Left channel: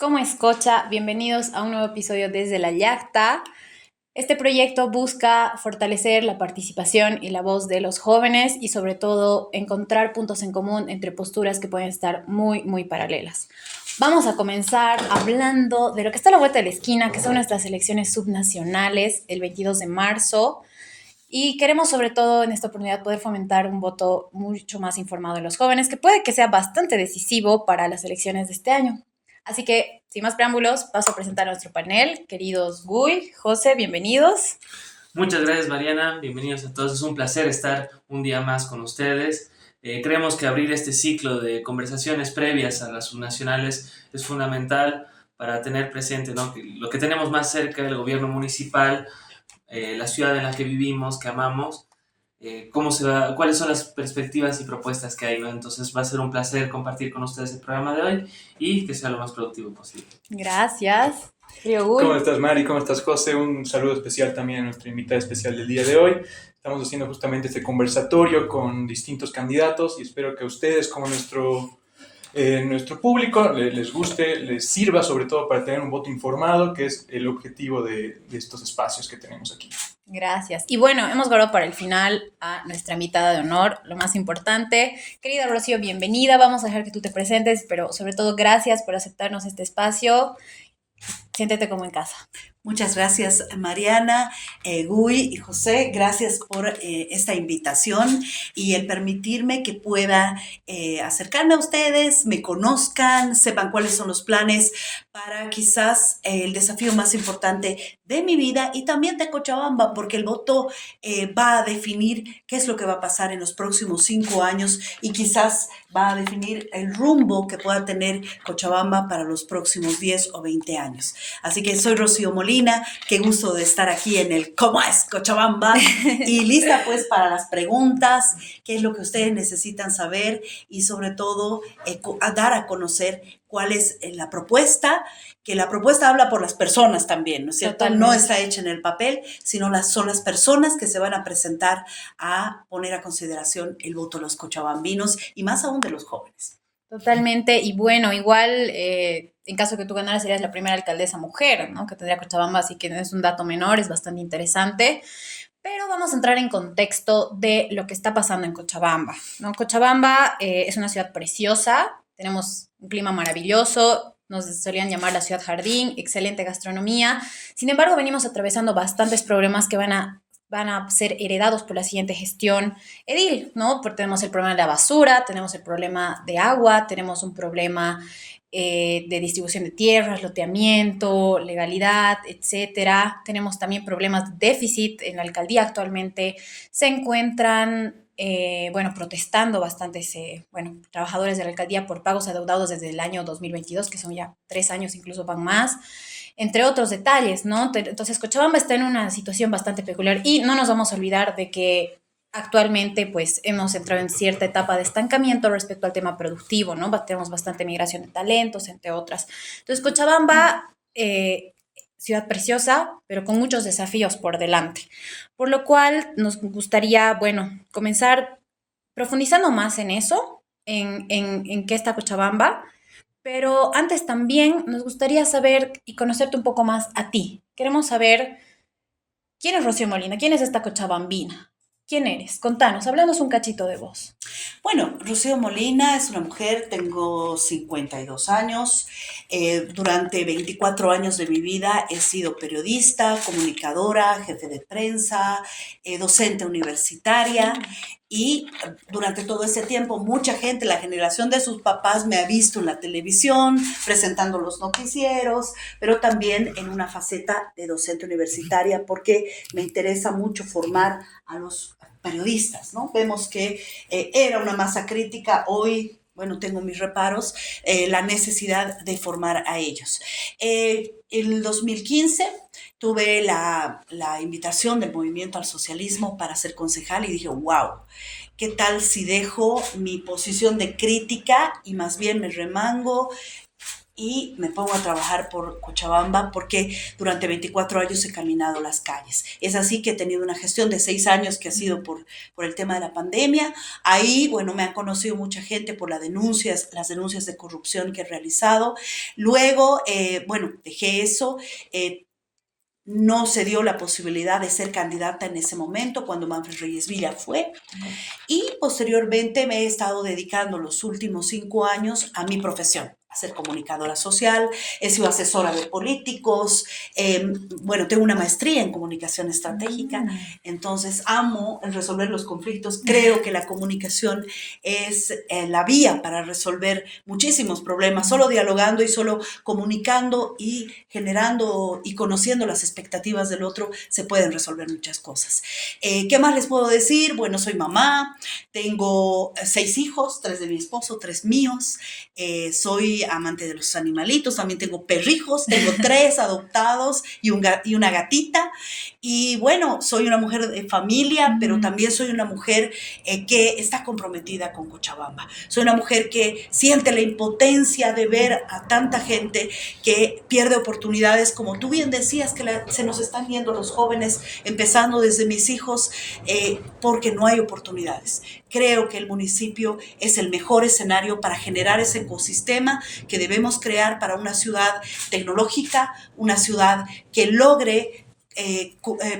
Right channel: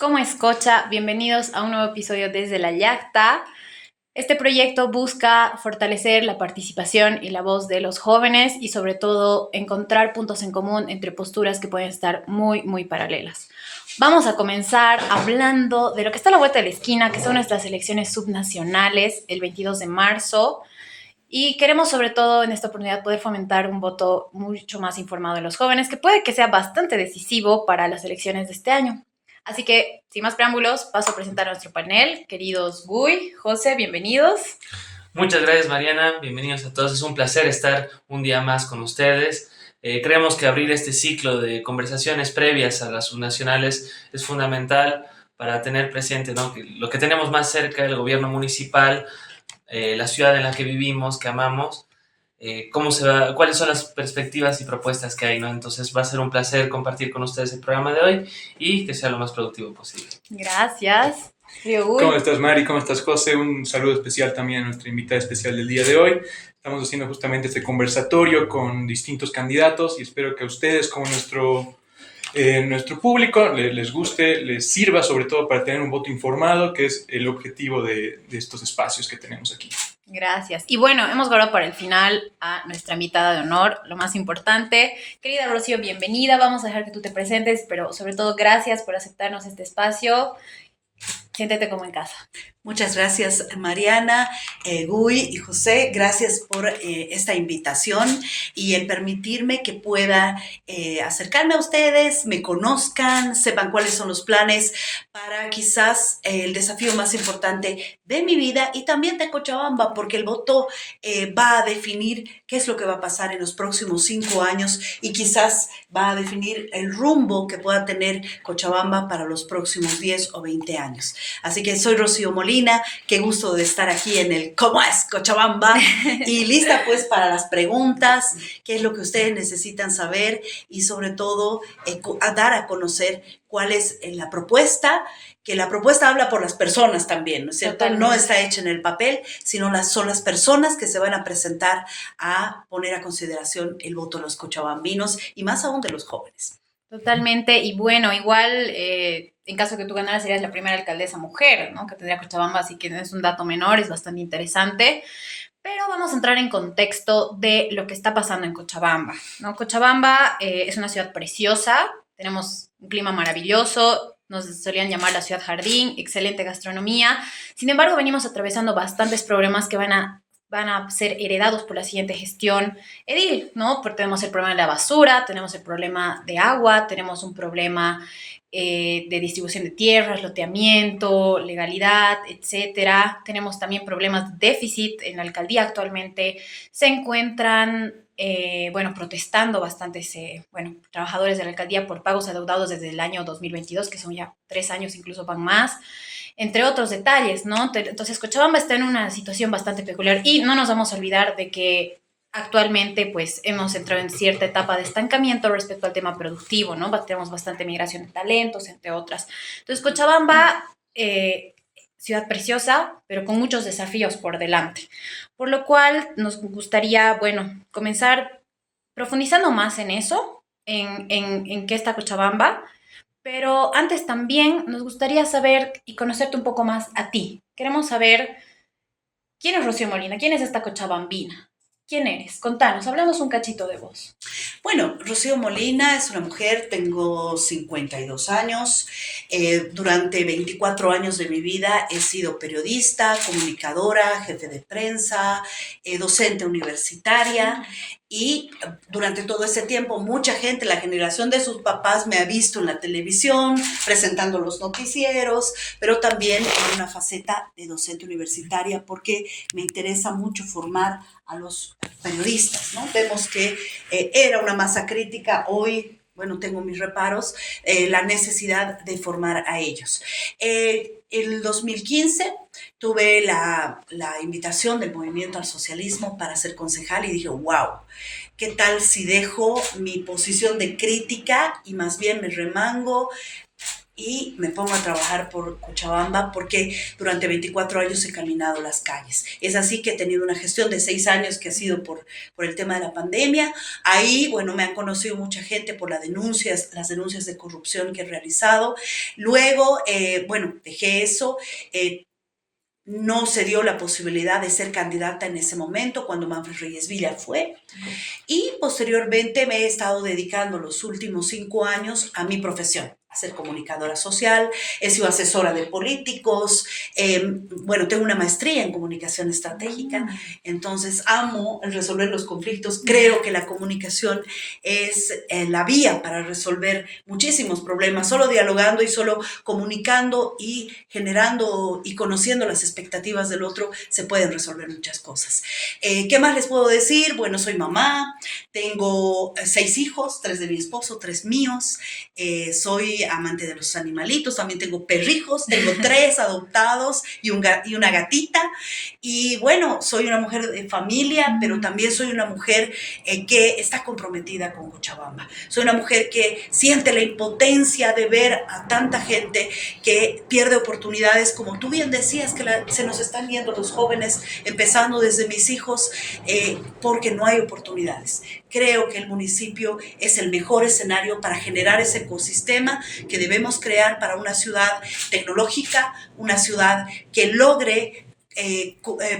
¿Cómo escucha? Bienvenidos a un nuevo episodio desde la Yacta. Este proyecto busca fortalecer la participación y la voz de los jóvenes y sobre todo encontrar puntos en común entre posturas que pueden estar muy paralelas. Vamos a comenzar hablando de lo que está a la vuelta de la esquina, que son nuestras elecciones subnacionales el 22 de marzo. Y queremos sobre todo en esta oportunidad poder fomentar un voto mucho más informado de los jóvenes, que puede que sea bastante decisivo para las elecciones de este año. Así que, sin más preámbulos, paso a presentar a nuestro panel. Queridos Guy, José, bienvenidos. Muchas gracias, Mariana. Bienvenidos a todos. Es un placer estar un día más con ustedes. Creemos que abrir este ciclo de conversaciones previas a las subnacionales es fundamental para tener presente, ¿no?, que lo que tenemos más cerca, el gobierno municipal, la ciudad en la que vivimos, que amamos, cuáles son las perspectivas y propuestas que hay, ¿no? Entonces va a ser un placer compartir con ustedes el programa de hoy y que sea lo más productivo posible. Gracias. ¿Cómo estás, Mari? ¿Cómo estás, José? Un saludo especial también a nuestra invitada especial del día de hoy. Estamos haciendo justamente este conversatorio con distintos candidatos y espero que a ustedes, como nuestro público, les guste, les sirva sobre todo para tener un voto informado, que es el objetivo de estos espacios que tenemos aquí. Gracias. Y bueno, hemos guardado para el final a nuestra invitada de honor, lo más importante. Querida Rocío, bienvenida. Vamos a dejar que tú te presentes, pero sobre todo gracias por aceptarnos este espacio. Siéntete como en casa. Muchas gracias, Mariana, Guy y José. Gracias por esta invitación y el permitirme que pueda acercarme a ustedes, me conozcan, sepan cuáles son los planes para quizás el desafío más importante de mi vida y también de Cochabamba, porque el voto va a definir qué es lo que va a pasar en los próximos 5 años y quizás va a definir el rumbo que pueda tener Cochabamba para los próximos 10 o 20 años. Así que soy Rocío Molina, qué gusto de estar aquí en el ¿Cómo es Cochabamba? Y lista pues para las preguntas, qué es lo que ustedes necesitan saber y sobre todo dar a conocer cuál es la propuesta, que la propuesta habla por las personas también, ¿no es cierto? Totalmente. No está hecha en el papel, sino son las personas que se van a presentar a poner a consideración el voto de los cochabambinos y más aún de los jóvenes. Totalmente, y bueno, igual en caso que tú ganaras serías la primera alcaldesa mujer, ¿no?, que tendría Cochabamba, así que no es un dato menor, es bastante interesante. Pero vamos a entrar en contexto de lo que está pasando en Cochabamba, ¿no? Cochabamba es una ciudad preciosa, tenemos un clima maravilloso, nos solían llamar la ciudad jardín, excelente gastronomía. Sin embargo, venimos atravesando bastantes problemas que van a ser heredados por la siguiente gestión edil, ¿no? Porque tenemos el problema de la basura, tenemos el problema de agua, tenemos un problema de distribución de tierras, loteamiento, legalidad, etcétera. Tenemos también problemas de déficit. En la alcaldía actualmente se encuentran, protestando bastantes, trabajadores de la alcaldía por pagos adeudados desde el año 2022, que son ya 3 años, incluso van más, entre otros detalles, ¿no? Entonces, Cochabamba está en una situación bastante peculiar y no nos vamos a olvidar de que actualmente pues hemos entrado en cierta etapa de estancamiento respecto al tema productivo, ¿no? Tenemos bastante migración de talentos, entre otras. Entonces, Cochabamba, ciudad preciosa, pero con muchos desafíos por delante. Por lo cual nos gustaría, comenzar profundizando más en eso, en qué está Cochabamba, pero antes también nos gustaría saber y conocerte un poco más a ti. Queremos saber quién es Rocío Molina, quién es esta cochabambina. ¿Quién eres? Contanos, háblanos un cachito de vos. Bueno, Rocío Molina es una mujer, tengo 52 años. Durante 24 años de mi vida he sido periodista, comunicadora, jefe de prensa, docente universitaria. Y durante todo ese tiempo, mucha gente, la generación de sus papás, me ha visto en la televisión, presentando los noticieros, pero también en una faceta de docente universitaria, porque me interesa mucho formar a los periodistas, ¿no? Vemos que era una masa crítica, hoy, bueno, tengo mis reparos, la necesidad de formar a ellos. El 2015 tuve la invitación del Movimiento al Socialismo para ser concejal y dije, wow, ¿qué tal si dejo mi posición de crítica y más bien me remango y me pongo a trabajar por Cochabamba porque durante 24 años he caminado las calles. Es así que he tenido una gestión de 6 años que ha sido por el tema de la pandemia. Ahí, bueno, me han conocido mucha gente por las denuncias de corrupción que he realizado. Luego, bueno, dejé eso. No se dio la posibilidad de ser candidata en ese momento cuando Manfred Reyes Villa fue. Y posteriormente me he estado dedicando los últimos 5 años a mi profesión, a ser comunicadora social, he sido asesora de políticos, bueno, tengo una maestría en comunicación estratégica, entonces amo el resolver los conflictos, creo que la comunicación es la vía para resolver muchísimos problemas, solo dialogando y solo comunicando y generando y conociendo las expectativas del otro se pueden resolver muchas cosas. ¿Qué más les puedo decir? Bueno, soy mamá, tengo 6 hijos, 3 de mi esposo, 3 míos, soy amante de los animalitos, también tengo perrijos, tengo 3 adoptados y una gatita. Y bueno, soy una mujer de familia, pero también soy una mujer que está comprometida con Cochabamba. Soy una mujer que siente la impotencia de ver a tanta gente que pierde oportunidades, como tú bien decías, que se nos están yendo los jóvenes, empezando desde mis hijos, porque no hay oportunidades. Creo que el municipio es el mejor escenario para generar ese ecosistema que debemos crear para una ciudad tecnológica, una ciudad que logre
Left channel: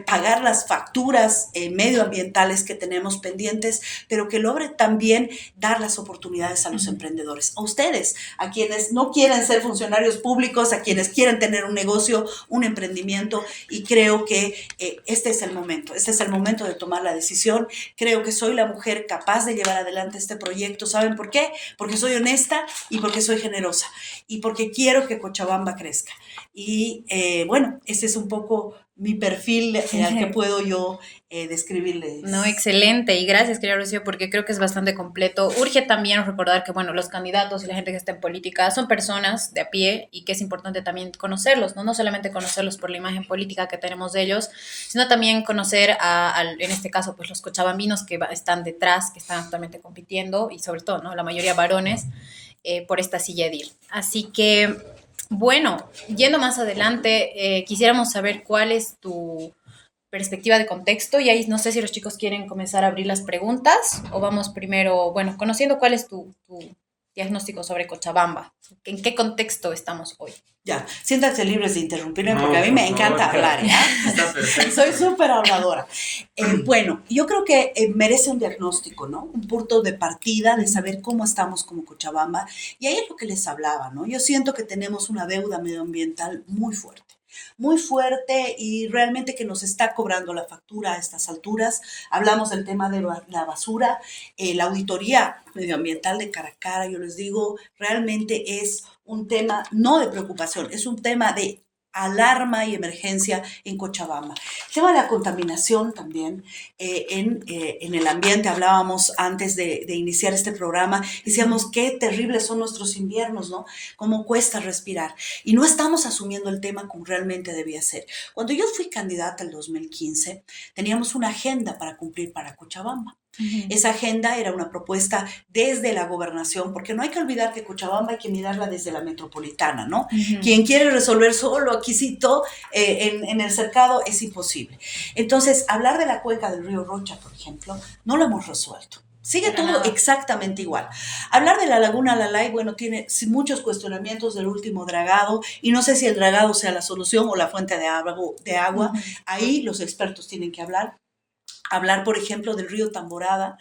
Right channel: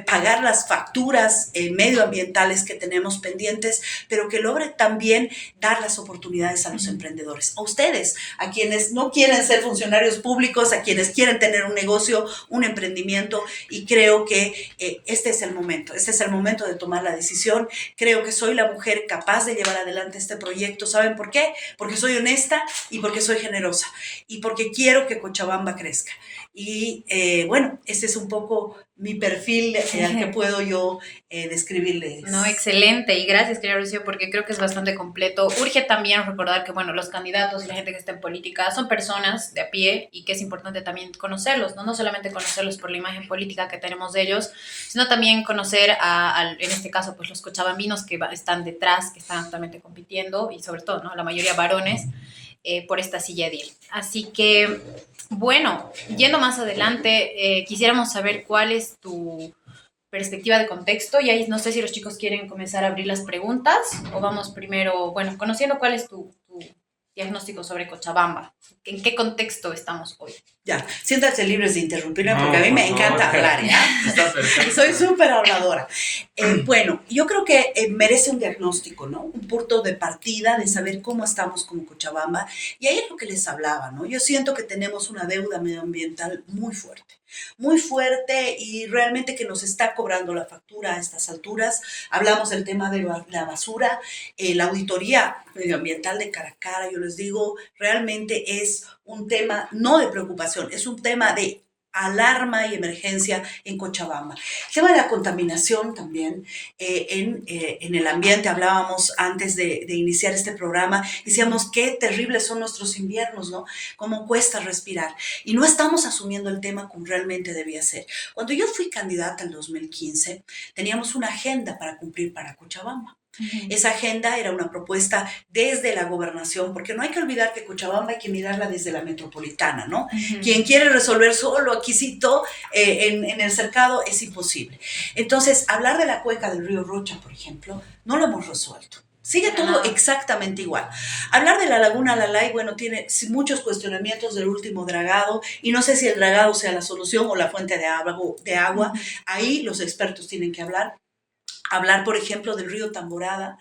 pagar las facturas medioambientales que tenemos pendientes, pero que logre también dar las oportunidades a los emprendedores, a ustedes, a quienes no quieren ser funcionarios públicos, a quienes quieren tener un negocio, un emprendimiento, y creo que este es el momento de tomar la decisión. Creo que soy la mujer capaz de llevar adelante este proyecto. ¿Saben por qué? Porque soy honesta y porque soy generosa y porque quiero que Cochabamba crezca. Y bueno, ese es un poco mi perfil al que puedo yo describirles. No, excelente. Y gracias, querida Rocío, porque creo que es bastante completo. Urge también recordar que, bueno, los candidatos y la gente que está en política son personas de a pie y que es importante también conocerlos, ¿no? No solamente conocerlos por la imagen política que tenemos de ellos, sino también conocer en este caso, pues los cochabambinos que están detrás, que están actualmente compitiendo y sobre todo, ¿no? La mayoría varones por esta silla edil. Así que, bueno, yendo más adelante, quisiéramos saber cuál es tu perspectiva de contexto y ahí no sé si los chicos quieren comenzar a abrir las preguntas o vamos primero, bueno, conociendo cuál es tu diagnóstico sobre Cochabamba. ¿En qué contexto estamos hoy? Ya, siéntanse libres de interrumpirme No, porque a mí por me favor. encanta hablar, ¿ya? Está perfecto. Soy súper habladora. Bueno, yo creo que merece un diagnóstico, ¿no? Un punto de partida de saber cómo estamos como Cochabamba. Y ahí es lo que les hablaba, ¿no? Yo siento que tenemos una deuda medioambiental muy fuerte y realmente que nos está cobrando la factura a estas alturas. Hablamos del tema de la basura, la auditoría medioambiental de cara a cara, yo les digo, realmente es un tema no de preocupación, es un tema de alarma y emergencia en Cochabamba. El tema de la contaminación también en el ambiente, hablábamos antes de iniciar este programa, decíamos qué terribles son nuestros inviernos, ¿no? Cómo cuesta respirar. Y no estamos asumiendo el tema como realmente debía ser. Cuando yo fui candidata en 2015, teníamos una agenda para cumplir para Cochabamba. Esa agenda era una propuesta desde la gobernación, porque no hay que olvidar que Cochabamba hay que mirarla desde la metropolitana, ¿no? Quien quiere resolver solo aquícito en el cercado es imposible. Entonces, hablar de la cuenca del río Rocha, por ejemplo, no lo hemos resuelto. Sigue todo exactamente igual. Hablar de la laguna Lalay, bueno, tiene muchos cuestionamientos del último dragado y no sé si el dragado sea la solución o la fuente de agua. Ahí los expertos tienen que hablar. Hablar, por ejemplo, del río Tamborada,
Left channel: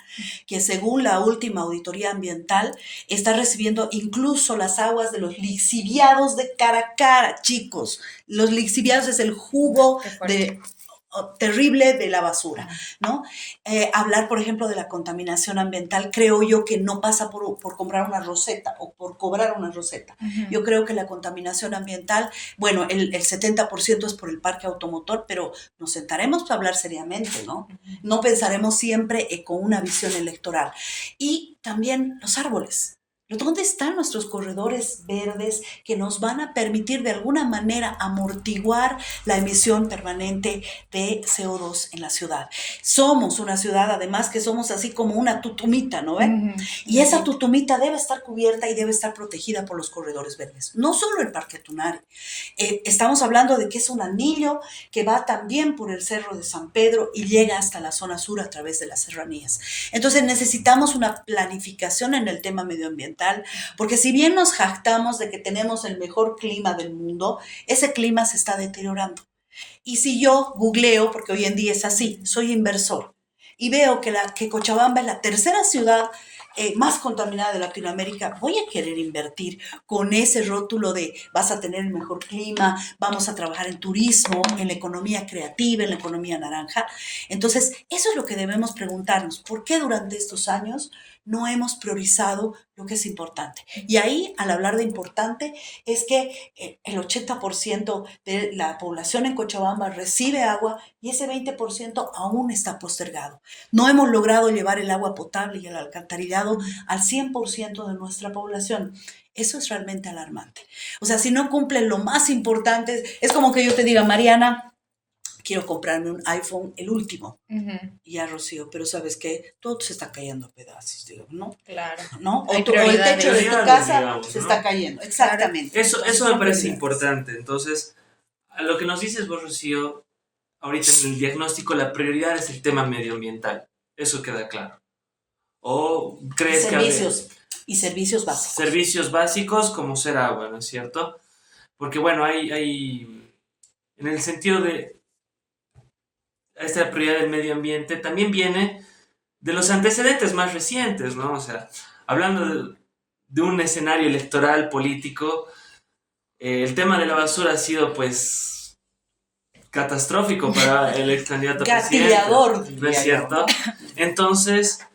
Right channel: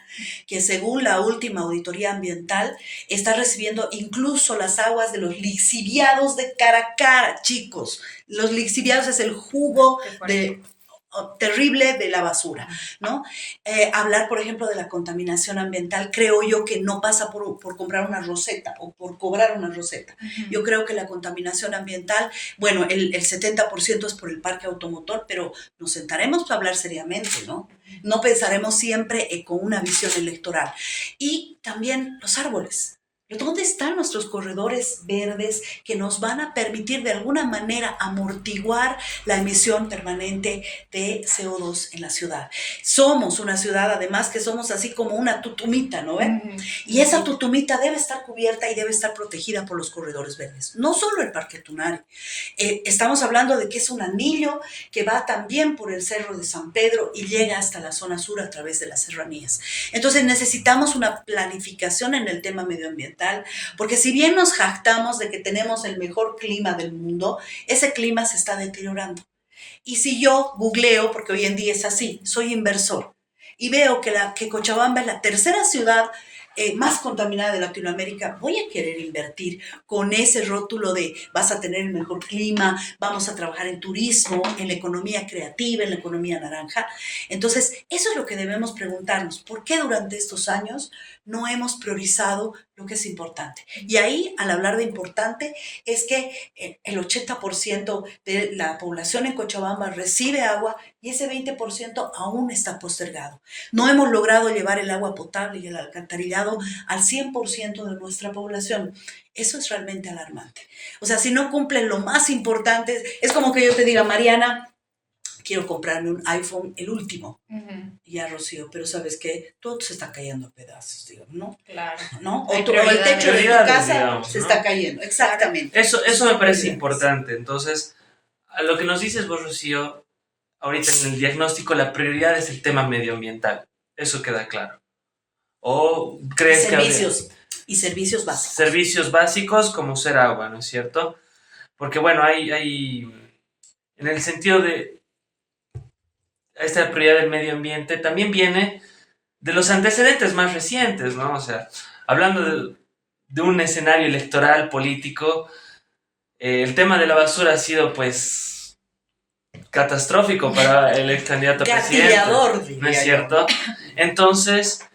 que según la última auditoría ambiental está recibiendo incluso las aguas de los lixiviados de Caracara, chicos. Los lixiviados es el jugo terrible de la basura, ¿no? Hablar, por ejemplo, de la contaminación ambiental, creo yo que no pasa por comprar una roseta o por cobrar una roseta. Yo creo que la contaminación ambiental, bueno, el 70% es por el parque automotor, pero nos sentaremos para hablar seriamente, ¿no? No pensaremos siempre con una visión electoral. Y también los árboles. ¿Dónde están nuestros corredores verdes que nos van a permitir de alguna manera amortiguar la emisión permanente de CO2 en la ciudad? Somos una ciudad, además, que somos así como una tutumita, ¿no ven? Y esa tutumita debe estar cubierta y debe estar protegida por los corredores verdes. No solo el Parque Tunari. Estamos hablando de que es un anillo que va también por el Cerro de San Pedro y llega hasta la zona sur a través de las serranías. Entonces necesitamos una planificación en el tema medioambiental, porque si bien nos jactamos de que tenemos el mejor clima del mundo, ese clima se está deteriorando. Y si yo googleo, porque hoy en día es así, soy inversor, y veo que Cochabamba es la tercera ciudad más contaminada de Latinoamérica, voy a querer invertir con ese rótulo de vas a tener el mejor clima, vamos a trabajar en turismo, en la economía creativa, en la economía naranja. Entonces, eso es lo que debemos preguntarnos. ¿Por qué durante estos años no hemos priorizado lo que es importante? Y ahí, al hablar de importante, es que el 80% de la población en Cochabamba recibe agua y ese 20% aún está postergado. No hemos logrado llevar el agua potable y el alcantarillado al 100% de nuestra población. Eso es realmente alarmante. O sea, si no cumplen lo más importante, es como que yo te diga, Mariana, quiero comprarme un iPhone, el último. Ya, Rocío, pero ¿sabes qué? Todo se está cayendo a pedazos, digo, ¿no? Claro. ¿No? O Hay el prioridades. techo de tu casa Digamos, se ¿no? está cayendo, exactamente. Eso me Son parece prioridades. importante. Entonces, a lo que nos dices vos, Rocío, ahorita en el diagnóstico, la prioridad es el tema medioambiental. Eso queda claro. ¿O crees que Y servicios básicos. servicios básicos como ser agua, ¿no es cierto? Porque, bueno, hay en el sentido de esta prioridad del medio ambiente, también viene de los antecedentes más recientes, ¿no? O sea, hablando de un escenario electoral político, el tema de la basura ha sido, pues, catastrófico para el ex candidato a presidente, Gatillador, ¿no diría es yo, cierto? ¿no? Entonces,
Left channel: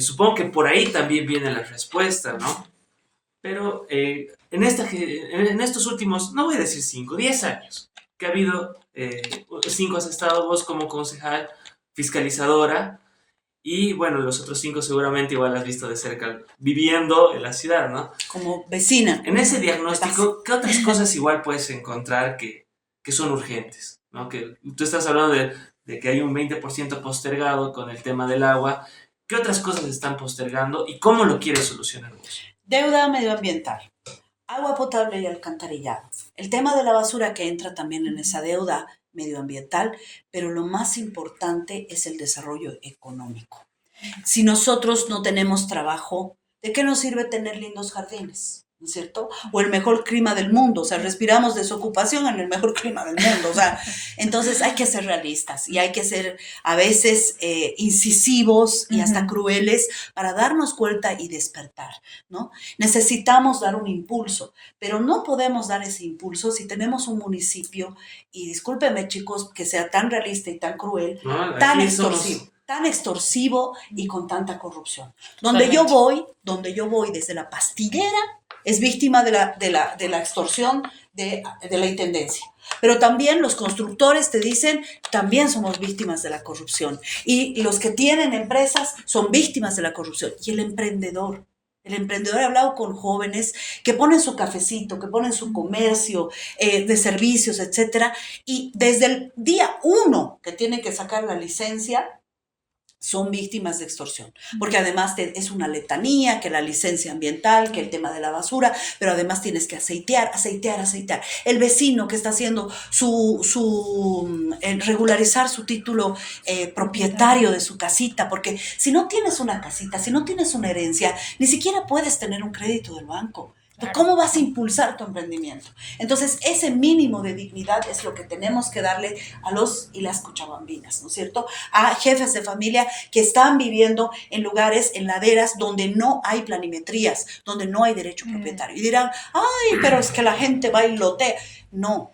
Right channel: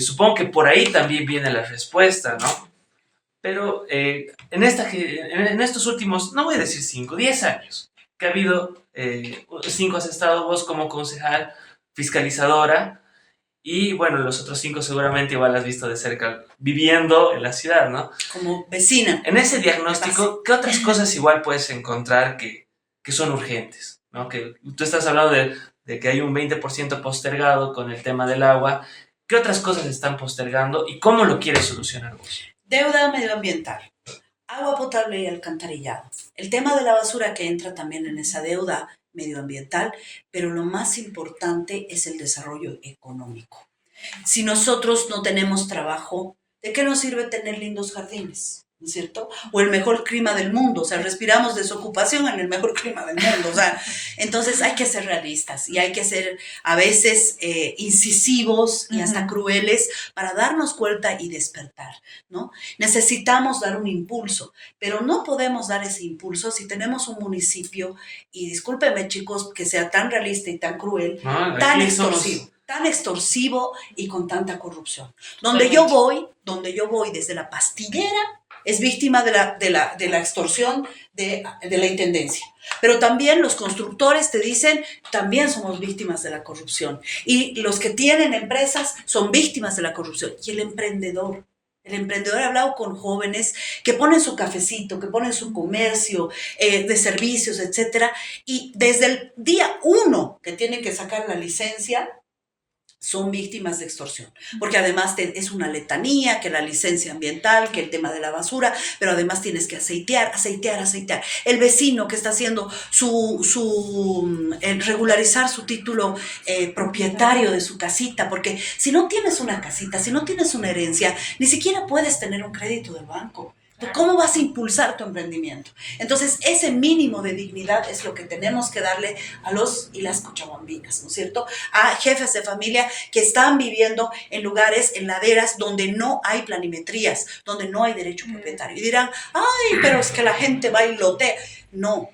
supongo que por ahí también viene la respuesta, ¿no? Pero en estos últimos, no voy a decir 5, 10 años, que ha habido, 5 has estado vos como concejal fiscalizadora, y bueno, los otros 5 seguramente igual has visto de cerca, viviendo en la ciudad, ¿no? Como vecina. En ese diagnóstico, ¿qué otras cosas igual puedes encontrar que son urgentes? ¿No? Que tú estás hablando de que hay un 20% postergado con el tema del agua. ¿Qué otras cosas están postergando y cómo lo quieres solucionar vos? Deuda medioambiental, agua potable y alcantarillado. El tema de la basura que entra también en esa deuda medioambiental, pero lo más importante es el desarrollo económico. Si nosotros no tenemos trabajo, ¿de qué nos sirve tener lindos jardines? ¿No es cierto? O el mejor clima del mundo, o sea, respiramos desocupación en el mejor clima del mundo, o sea, entonces hay que ser realistas y hay que ser a veces incisivos y hasta crueles para darnos cuenta y despertar, ¿no? Necesitamos dar un impulso, pero no podemos dar ese impulso si tenemos un municipio, y discúlpenme chicos que sea tan realista y tan cruel, ¿No? tan Aquí extorsivo. Tan extorsivo y con tanta corrupción. Donde yo voy desde la pastillera, es víctima de la extorsión de la intendencia. Pero también los constructores te dicen, también somos víctimas de la corrupción. Y los que tienen empresas son víctimas de la corrupción. Y el emprendedor ha hablado con jóvenes que ponen su cafecito, que ponen su comercio de servicios, etcétera, y desde el día 1 que tienen que sacar la licencia, son víctimas de extorsión, porque además es una letanía, que la licencia ambiental, que el tema de la basura, pero además tienes que aceitear. El vecino que está haciendo regularizar su título propietario de su casita, porque si no tienes una casita, si no tienes una herencia, ni siquiera puedes tener un crédito del banco. ¿Cómo vas a impulsar tu emprendimiento? Entonces, ese mínimo de dignidad es lo que tenemos que darle a los y las cochabambinas, ¿no es cierto? A jefes de familia que están viviendo en lugares, en laderas, donde no hay planimetrías, donde no hay derecho propietario. Y dirán, ay, pero es que la gente va y lotea. No,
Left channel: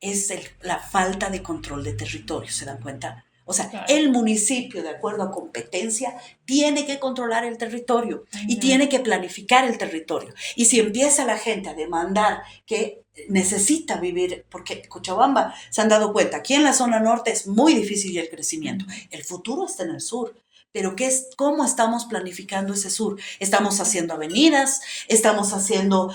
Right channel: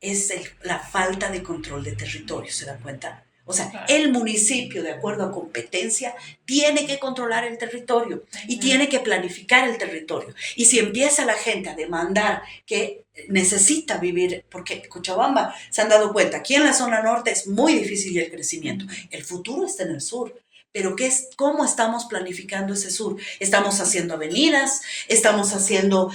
es la falta de control de territorio, ¿se dan cuenta? O sea, claro, el municipio, de acuerdo a competencia, tiene que controlar el territorio y tiene que planificar el territorio. Y si empieza la gente a demandar que necesita vivir, porque Cochabamba, se han dado cuenta, aquí en la zona norte es muy difícil el crecimiento. El futuro está en el sur, pero ¿cómo estamos planificando ese sur? Estamos haciendo avenidas, estamos haciendo,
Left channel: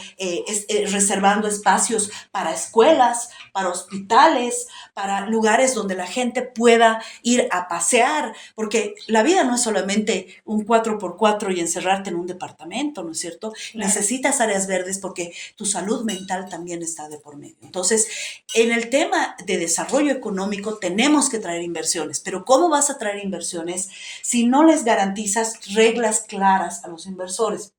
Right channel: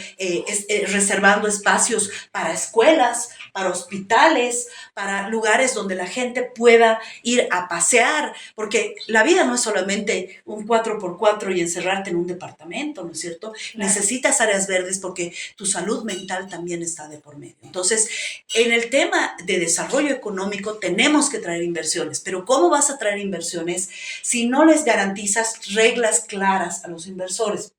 reservando espacios para escuelas, para hospitales, para lugares donde la gente pueda ir a pasear, porque la vida no es solamente un 4x4 y encerrarte en un departamento, ¿no es cierto? Claro. Necesitas áreas verdes porque tu salud mental también está de por medio. Entonces, en el tema de desarrollo económico tenemos que traer inversiones, pero ¿cómo vas a traer inversiones si no les garantizas reglas claras a los inversores?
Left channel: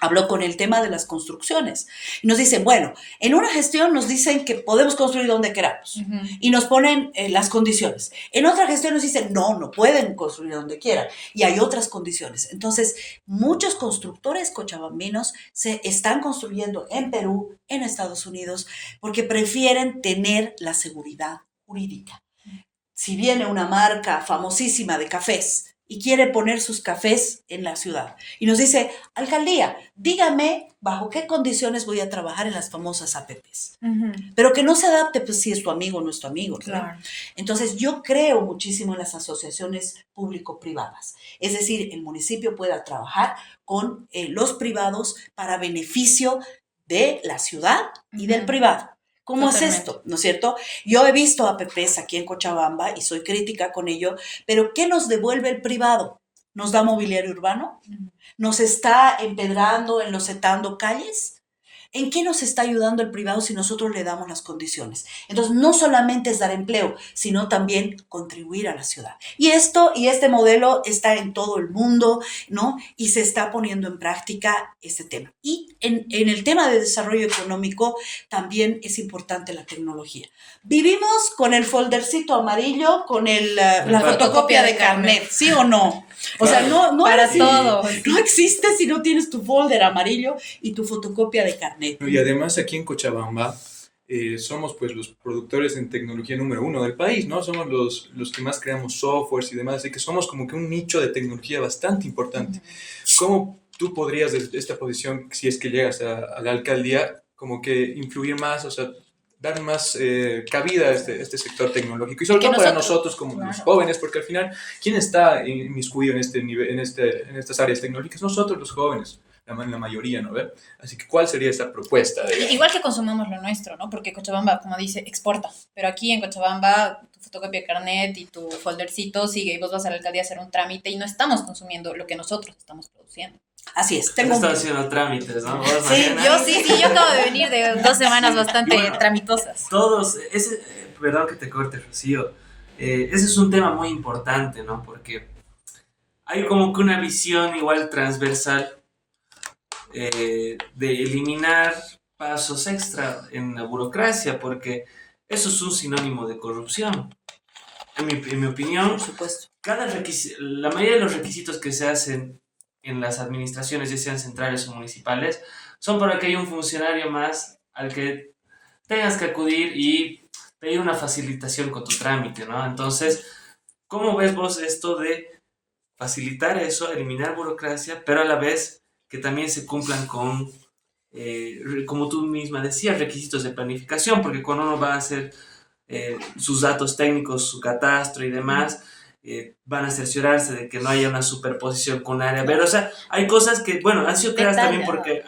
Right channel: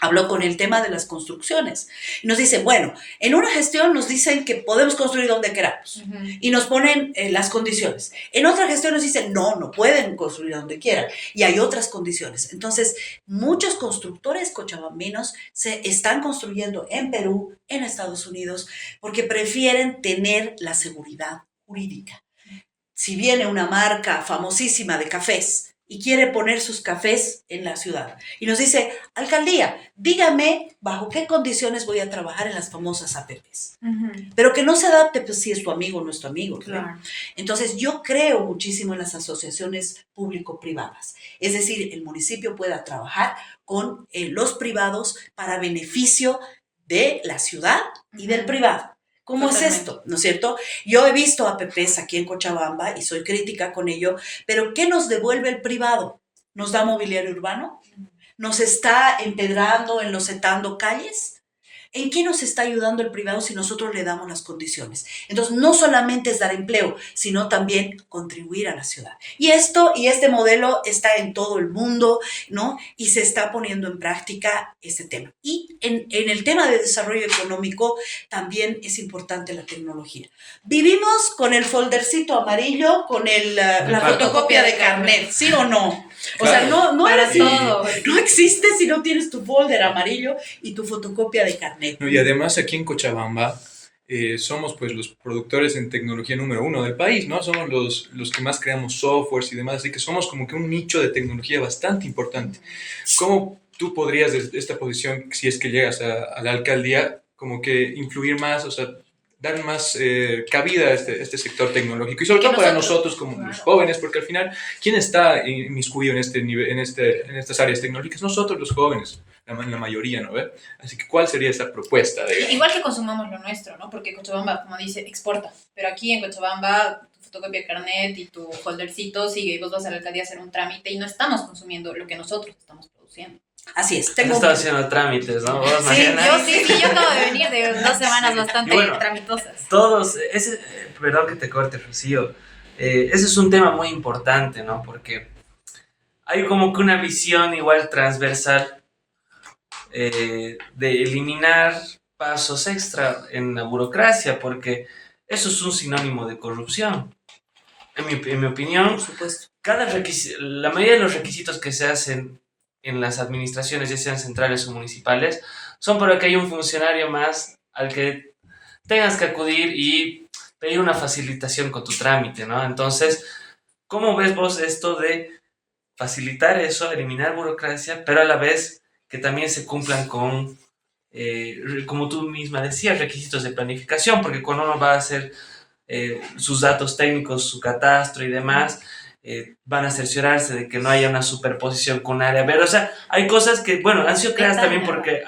Habló con el tema de las construcciones. Nos dicen, bueno, en una gestión nos dicen que podemos construir donde queramos y nos ponen las condiciones. En otra gestión nos dicen, no pueden construir donde quieran y hay otras condiciones. Entonces, muchos constructores cochabambinos se están construyendo en Perú, en Estados Unidos, porque prefieren tener la seguridad jurídica. Si viene una marca famosísima de cafés y quiere poner sus cafés en la ciudad y nos dice, alcaldía, dígame bajo qué condiciones voy a trabajar en las famosas APPs, pero que no se adapte pues, si es tu amigo o no es tu amigo, ¿no? Claro. Entonces yo creo muchísimo en las asociaciones público-privadas, es decir, el municipio pueda trabajar con los privados para beneficio de la ciudad y del privado. ¿Cómo Totalmente. es esto? ¿No es cierto? Yo he visto APPs aquí en Cochabamba y soy crítica con ello, pero ¿qué nos devuelve el privado? ¿Nos da mobiliario urbano? ¿Nos está empedrando, enlocetando calles? ¿En qué nos está ayudando el privado si nosotros le damos las condiciones? Entonces, no solamente es dar empleo, sino también contribuir a la ciudad. Y este modelo está en todo el mundo, ¿no? Y se está poniendo en práctica este tema. Y en el tema de desarrollo económico también es importante la tecnología. Vivimos con el foldercito amarillo, con la fotocopia de carnet, ¿sí o no? O sea, no Para es todo. no existe si no tienes tu folder amarillo y tu fotocopia de carnet. No, y además aquí en Cochabamba somos pues los productores en tecnología número 1 del país, ¿no? Somos los que más creamos softwares y demás, así que somos como que un nicho de tecnología bastante importante. ¿Cómo tú podrías desde esta posición, si es que llegas a la alcaldía, como que influir más, o sea, dar más cabida a este sector tecnológico y sobre Que todo para nosotros, nosotros como claro, los jóvenes, porque al final, ¿quién está inmiscuido en este nivel, en estas áreas tecnológicas? Nosotros los jóvenes, la mayoría, ¿no ve? Así que, ¿cuál sería esa propuesta? Igual que consumamos lo nuestro, ¿no? Porque Cochabamba, como dice, exporta. Pero aquí en Cochabamba, tu fotocopia de carnet y tu foldercito sigue y vos vas a la alcaldía a hacer un trámite y no estamos consumiendo lo que nosotros estamos produciendo. Así es. Has Tengo estado haciendo trámites, ¿no? Vos, Sí, Mariana. Yo acabo de venir de 2 semanas bastante Bueno, tramitosas. Todos, perdón que te corte, Rocío, ese es un tema muy importante, ¿no? Porque hay como que una visión igual transversal de eliminar pasos extra en la burocracia, porque eso es un sinónimo de corrupción. En mi opinión, por supuesto. la mayoría de los requisitos que se hacen en las administraciones, ya sean centrales o municipales, son para que haya un funcionario más al que tengas que acudir y pedir una facilitación con tu trámite, ¿no? Entonces, ¿cómo ves vos esto de facilitar eso, eliminar burocracia, pero a la vez que también se cumplan con, como tú misma decías, requisitos de planificación? Porque cuando uno va a hacer sus datos técnicos, su catastro y demás, van a cerciorarse de que no haya una superposición con un área verde. O sea, hay cosas que, bueno, han sido creadas también porque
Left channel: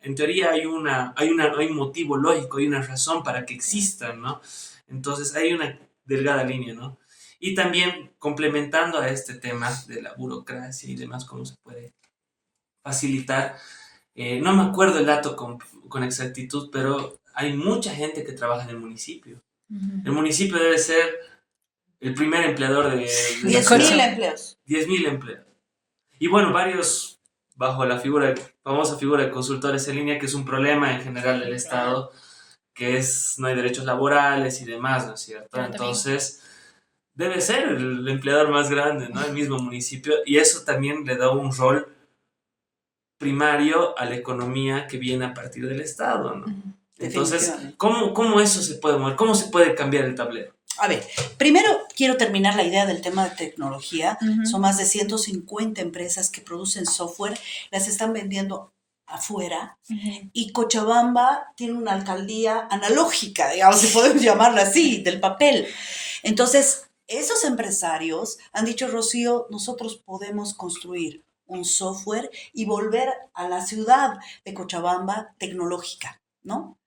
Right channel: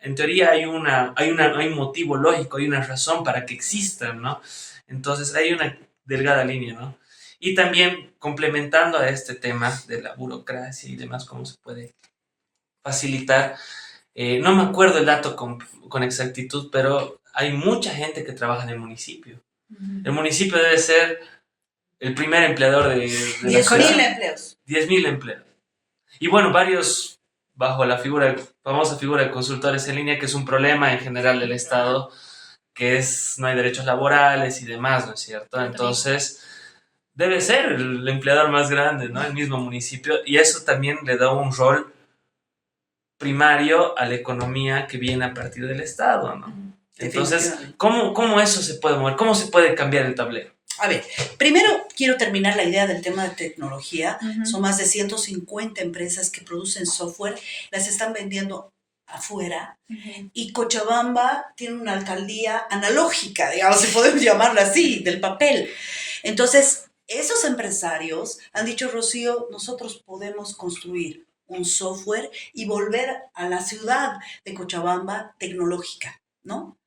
en teoría hay un motivo lógico, hay una razón para que existan, ¿no? Entonces hay una delgada línea, ¿no? Y también complementando a este tema de la burocracia y demás, cómo se puede facilitar. No me acuerdo el dato con exactitud, pero hay mucha gente que trabaja en el municipio. El municipio debe ser el primer empleador de la 10.000 ciudad. empleos. 10.000 empleos. Y bueno, varios bajo la famosa figura de consultores en línea, que es un problema en general del Estado, que es no hay derechos laborales y demás, ¿no es cierto? Entonces, debe ser el empleador más grande, ¿no? El mismo municipio, y eso también le da un rol primario a la economía que viene a partir del Estado, ¿no? Entonces, ¿cómo eso se puede mover? ¿Cómo se puede cambiar el tablero? A ver, primero quiero terminar la idea del tema de tecnología. Son más de 150 empresas que producen software, las están vendiendo afuera, y Cochabamba tiene una alcaldía analógica, digamos, si podemos llamarla así, del papel. Entonces, esos empresarios han dicho, Rocío, nosotros podemos construir un software y volver a la ciudad de Cochabamba tecnológica, ¿no?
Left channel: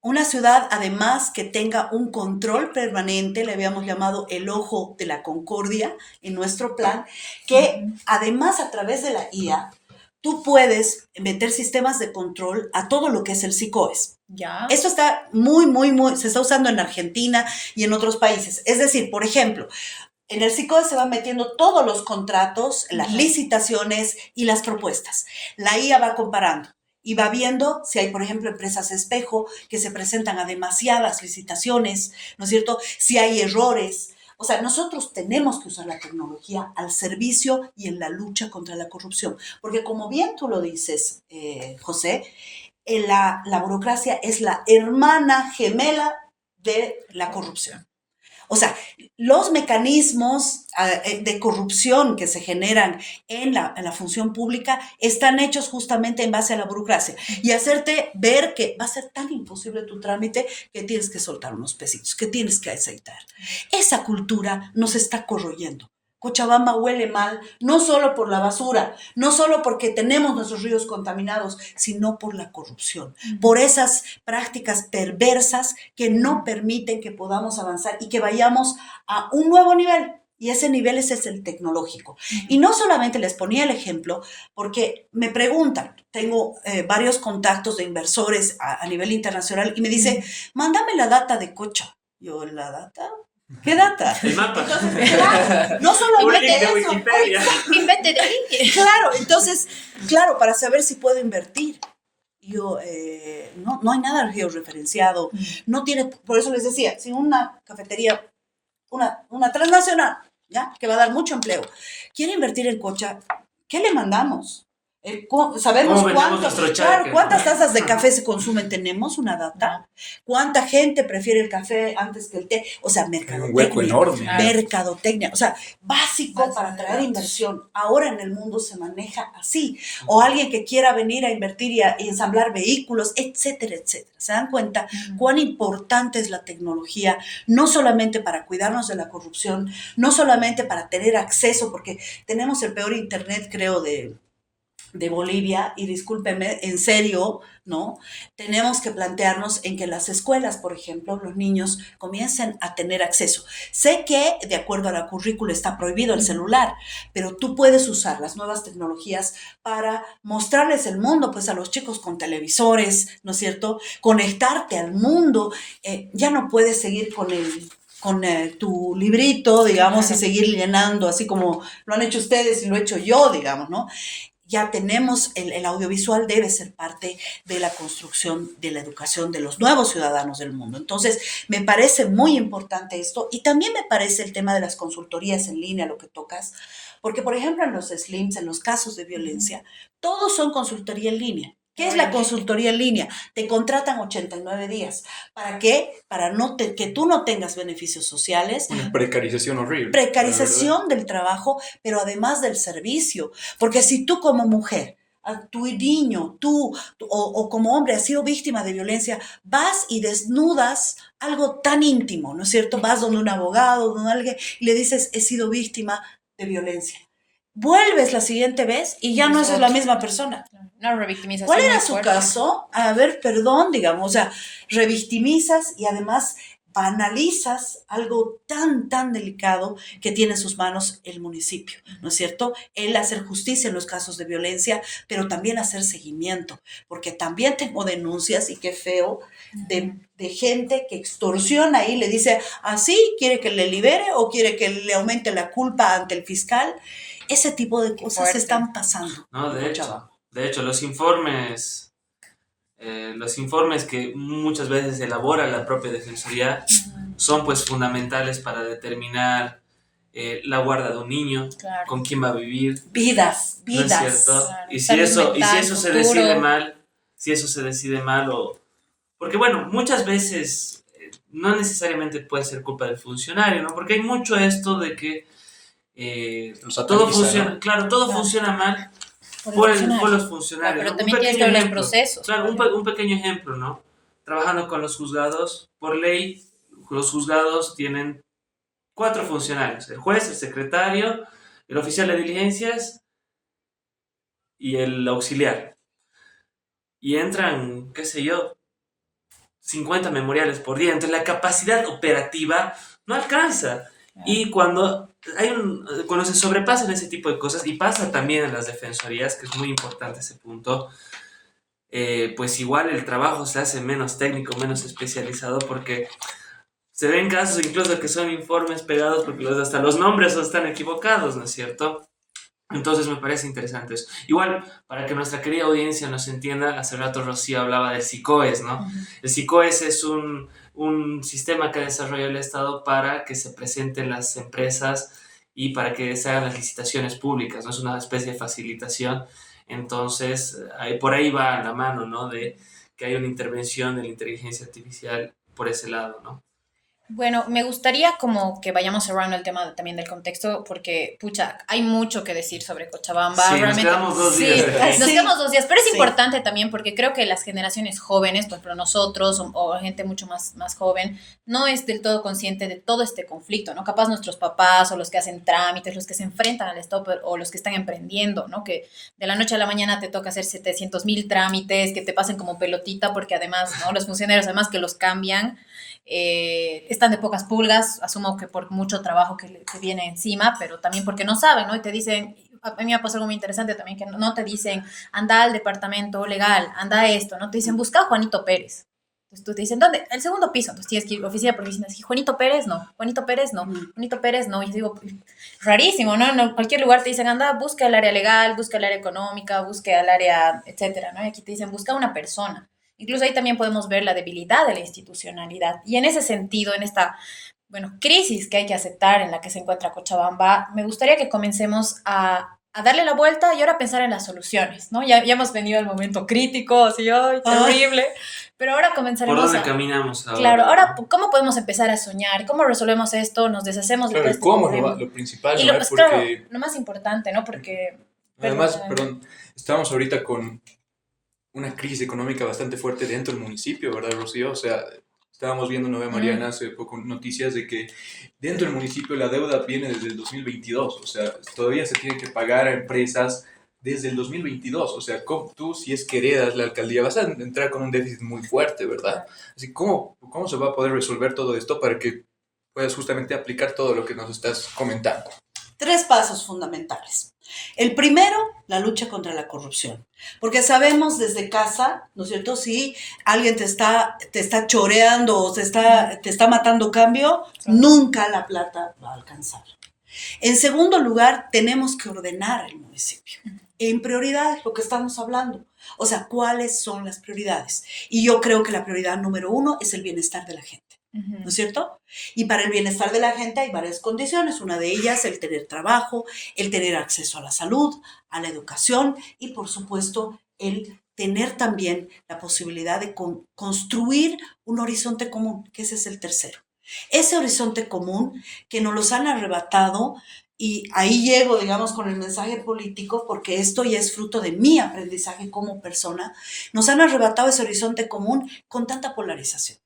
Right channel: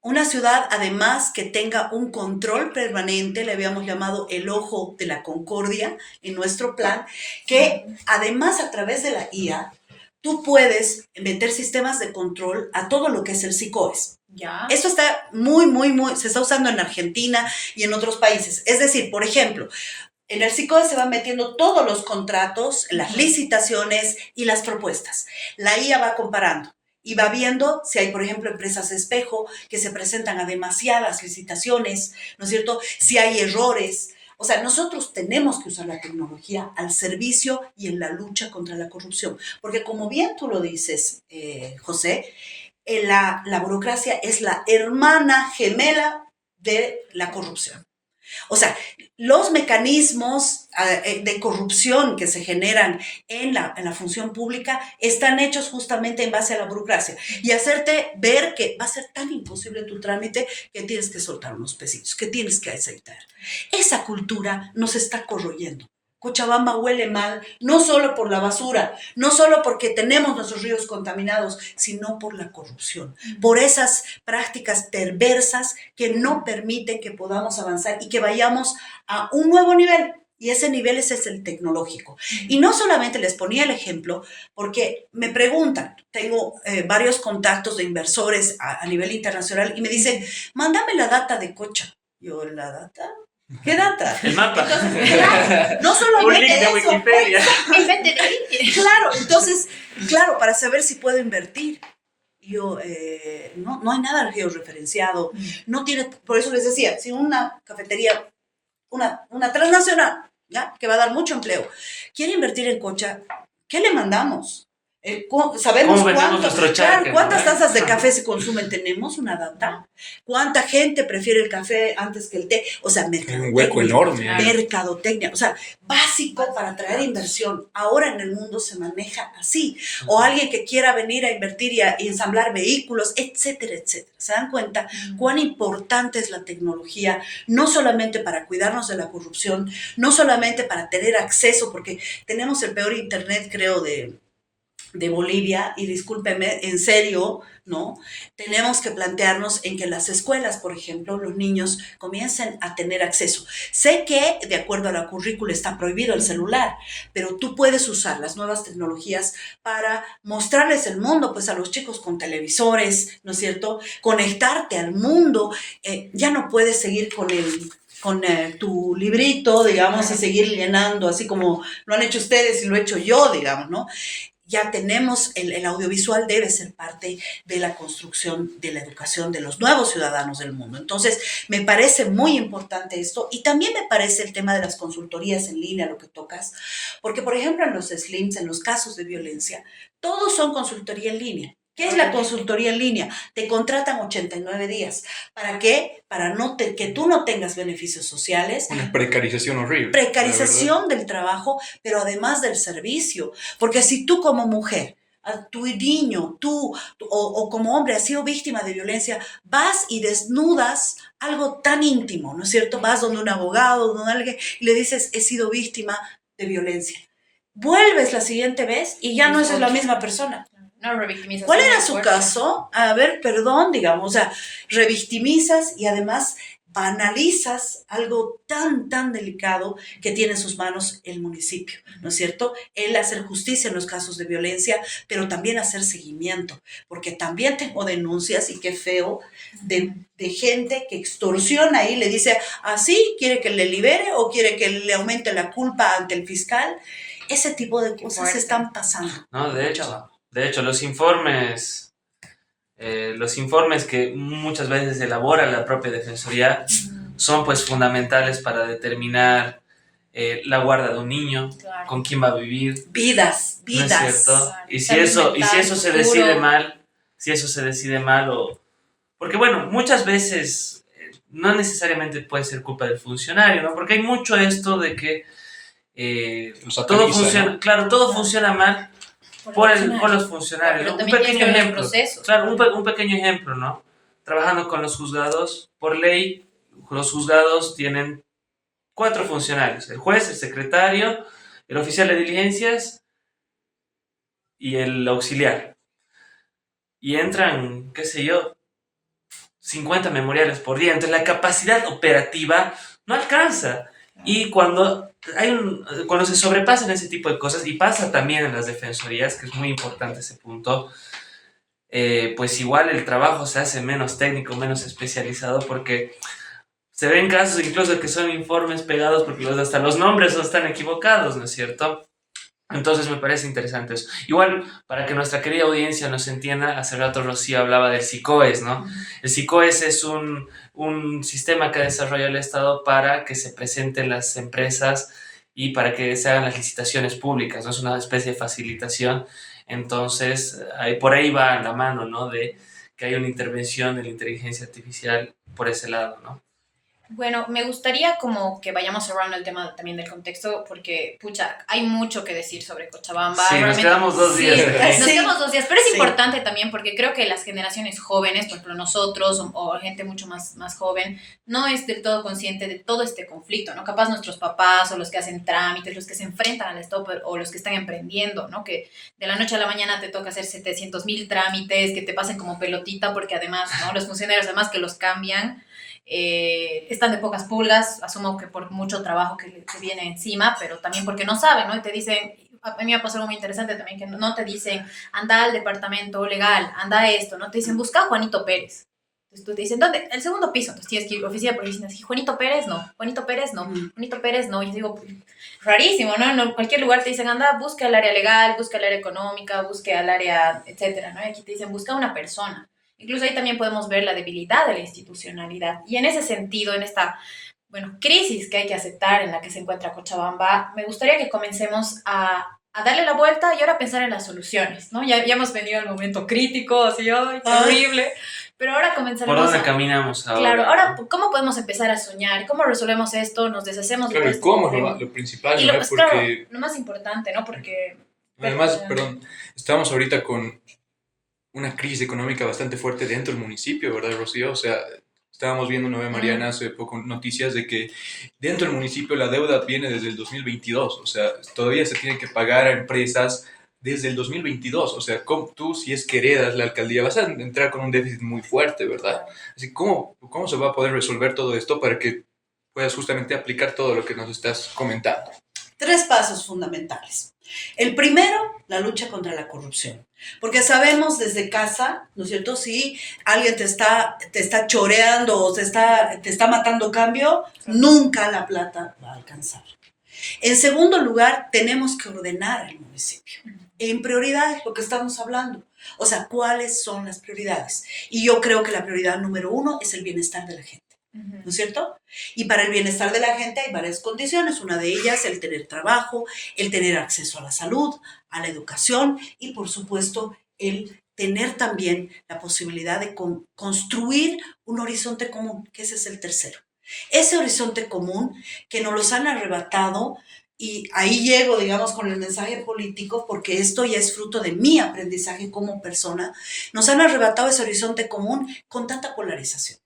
Una ciudad, además, que tenga un control permanente, le habíamos llamado el ojo de la concordia en nuestro plan, que además a través de la IA, tú puedes meter sistemas de control a todo lo que es el SICOES. Ya. Esto está muy, se está usando en Argentina y en otros países. Es decir, por ejemplo, en el SICOES se van metiendo todos los contratos, las licitaciones y las propuestas. La IA va comparando y va viendo si hay, por ejemplo, empresas espejo que se presentan a demasiadas licitaciones, ¿no es cierto? Si hay errores. O sea, nosotros tenemos que usar la tecnología al servicio y en la lucha contra la corrupción. Porque como bien tú lo dices, José, la burocracia es la hermana gemela de la corrupción. O sea, los mecanismos de corrupción que se generan en la función pública están hechos justamente en base a la burocracia y hacerte ver que va a ser tan imposible tu trámite que tienes que soltar unos pesitos, que tienes que aceitar. Esa cultura nos está corroyendo. Cochabamba huele mal, no solo por la basura, no solo porque tenemos nuestros ríos contaminados, sino por la corrupción, por esas prácticas perversas que no permiten que podamos avanzar y que vayamos a un nuevo nivel. Y ese nivel ese es el tecnológico. Y no solamente les ponía el ejemplo, porque me preguntan, tengo varios contactos de inversores a nivel internacional y me dicen, mándame la data de Cocha. Yo, ¿la data? ¿Qué data? El mapa. Entonces, claro, no solamente Un link de eso, Wikipedia. claro, entonces, claro, para saber si puedo invertir. Yo, no hay nada georreferenciado, no tiene, por eso les decía, si una cafetería, una transnacional, ¿ya? Que va a dar mucho empleo, quiere invertir en Cocha, ¿qué le mandamos? Sabemos cuántas tazas de café se consumen, tenemos una data, cuánta gente prefiere el café antes que el té, o sea, mercadotecnia, un hueco enorme. Mercadotecnia, o sea, básico para atraer inversión. Ahora en el mundo se maneja así, o alguien que quiera venir a invertir y ensamblar vehículos, etcétera, etcétera. ¿Se dan cuenta cuán importante es la tecnología? No solamente para cuidarnos de la corrupción, no solamente para tener acceso, porque tenemos el peor internet, creo, de Bolivia, y discúlpeme, en serio, ¿no? Tenemos que plantearnos en que las escuelas, por ejemplo, los niños comiencen a tener acceso. Sé que, de acuerdo a la currícula, está prohibido el celular, pero tú puedes usar las nuevas tecnologías para mostrarles el mundo, pues a los chicos con televisores, ¿no es cierto? Conectarte al mundo. Ya no puedes seguir con tu librito, digamos, y seguir llenando, así como lo han hecho ustedes y lo he hecho yo, digamos, ¿no? Ya tenemos, el audiovisual debe ser parte de la construcción de la educación de los nuevos ciudadanos del mundo. Entonces, me parece muy importante esto y también me parece el tema de las consultorías en línea, lo que tocas, porque, por ejemplo, en los SLIMs, en los casos de violencia, todos son consultoría en línea. ¿Qué es la consultoría en línea? Te contratan 89 días. ¿Para qué? Para que tú no tengas beneficios sociales. Una precarización horrible. Precarización del trabajo, pero además del servicio. Porque si tú como mujer, a tu niño, o como hombre has sido víctima de violencia, vas y desnudas algo tan íntimo, ¿no es cierto? Vas donde un abogado, donde alguien, y le dices, he sido víctima de violencia. Vuelves la siguiente vez y ya no es la misma persona. No, revictimización. ¿Cuál era su caso? A ver, perdón, digamos, o sea, revictimizas y además banalizas algo tan delicado que tiene en sus manos el municipio, ¿no es cierto? El hacer justicia en los casos de violencia, pero también hacer seguimiento, porque también tengo denuncias, y qué feo, de gente que extorsiona y le dice, así, ¿quiere que le libere o quiere que le aumente la culpa ante el fiscal? Ese tipo de cosas están pasando. No, de hecho, los informes que muchas veces elabora la propia Defensoría son pues fundamentales para determinar la guarda de un niño, claro, con quién va a vivir. Vidas. ¿No es cierto? Claro. Y si eso se decide mal, porque bueno, muchas veces no necesariamente puede ser culpa del funcionario, ¿no? Porque hay mucho esto de que todo funciona, ¿no? Claro, todo funciona mal por los funcionarios, ¿no? Un pequeño ejemplo, claro, un pequeño ejemplo, ¿no? Trabajando con los juzgados, por ley, los juzgados tienen 4 funcionarios: el juez, el secretario, el oficial de diligencias y el auxiliar. Y entran, qué sé yo, 50 memoriales por día. Entonces la capacidad operativa no alcanza. Y cuando se sobrepasan ese tipo de cosas, y pasa también en las defensorías, que es muy importante ese punto, pues igual el trabajo se hace menos técnico, menos especializado, porque se ven casos incluso que son informes pegados porque hasta los nombres están equivocados, ¿no es cierto? Entonces me parece interesante eso. Igual, para que nuestra querida audiencia nos entienda, hace rato Rocío hablaba del SICOES, ¿no? El SICOES es un sistema que ha desarrollado el Estado para que se presenten las empresas y para que se hagan las licitaciones públicas, ¿no? Es una especie de facilitación. Entonces, por ahí va la mano, ¿no? De que hay una intervención de la inteligencia artificial por ese lado, ¿no? Bueno, me gustaría como que vayamos cerrando el tema también del contexto, porque, pucha, hay mucho que decir sobre Cochabamba. Sí, nos Realmente, quedamos 2 días sí, aquí. nos quedamos 2 días, pero es Sí. importante también porque creo que las generaciones jóvenes, por ejemplo nosotros o gente mucho más joven, no es del todo consciente de todo este conflicto, ¿no? Capaz nuestros papás o los que hacen trámites, los que se enfrentan al Estado o los que están emprendiendo, ¿no? Que de la noche a la mañana te toca hacer 700.000 trámites, que te pasen como pelotita, porque además, ¿no? Los funcionarios, además que los cambian, están de pocas pulgas, asumo que por mucho trabajo que viene encima, pero también porque no saben, ¿no? Y te dicen, a mí me ha pasado algo muy interesante también, que no te dicen, anda al departamento legal, anda a esto, ¿no? Te dicen, busca a Juanito Pérez. Entonces tú te dicen, ¿dónde? El segundo piso. Entonces tienes que ir a oficina por oficina. Así, Juanito Pérez, no. Juanito Pérez, no. Juanito Pérez, no. Y yo digo, rarísimo, ¿no? En cualquier lugar te dicen, anda, busca el área legal, busca el área económica, busca el área, etcétera, ¿no? Y aquí te dicen, busca una persona. Incluso ahí también podemos ver la debilidad de la institucionalidad. Y en ese sentido, en esta, bueno, crisis que hay que aceptar en la que se encuentra Cochabamba, me gustaría que comencemos a darle la vuelta y ahora pensar en las soluciones, ¿no? Ya hemos venido al momento crítico, así, ¡ay, terrible! Pero ahora ¿Por comenzaremos dónde caminamos ahora? Claro, ahora, ¿cómo podemos empezar a soñar? ¿Cómo resolvemos esto? ¿Nos deshacemos de Claro, todo el este cómo es problema? lo principal, Y ¿no? claro, Porque lo más importante, ¿no? Porque... además, perdón, estamos ahorita con una crisis económica bastante fuerte dentro del municipio, ¿verdad, Rocío? O sea, estábamos viendo, Nueva Mariana, hace poco noticias de que dentro del municipio la deuda viene desde el 2022, o sea, todavía se tiene que pagar a empresas desde el 2022, o sea, tú si es que heredas la alcaldía vas a entrar con un déficit muy fuerte, ¿verdad? Así, ¿cómo se va a poder resolver todo esto para que puedas justamente aplicar todo lo que nos estás comentando? 3 pasos fundamentales. El primero, la lucha contra la corrupción. Porque sabemos desde casa, ¿no es cierto? Si alguien te está choreando o te está matando cambio, nunca la plata va a alcanzar. En segundo lugar, tenemos que ordenar el municipio. En prioridades, lo que estamos hablando. O sea, ¿cuáles son las prioridades? Y yo creo que la prioridad número 1 es el bienestar de la gente. ¿No es cierto? Y para el bienestar de la gente hay varias condiciones. Una de ellas, el tener trabajo, el tener acceso a la salud, a la educación y, por supuesto, el tener también la posibilidad de construir un horizonte común, que ese es el tercero. Ese horizonte común que nos los han arrebatado, y ahí llego, digamos, con el mensaje político, porque esto ya es fruto de mi aprendizaje como persona, nos han arrebatado ese horizonte común con tanta polarización.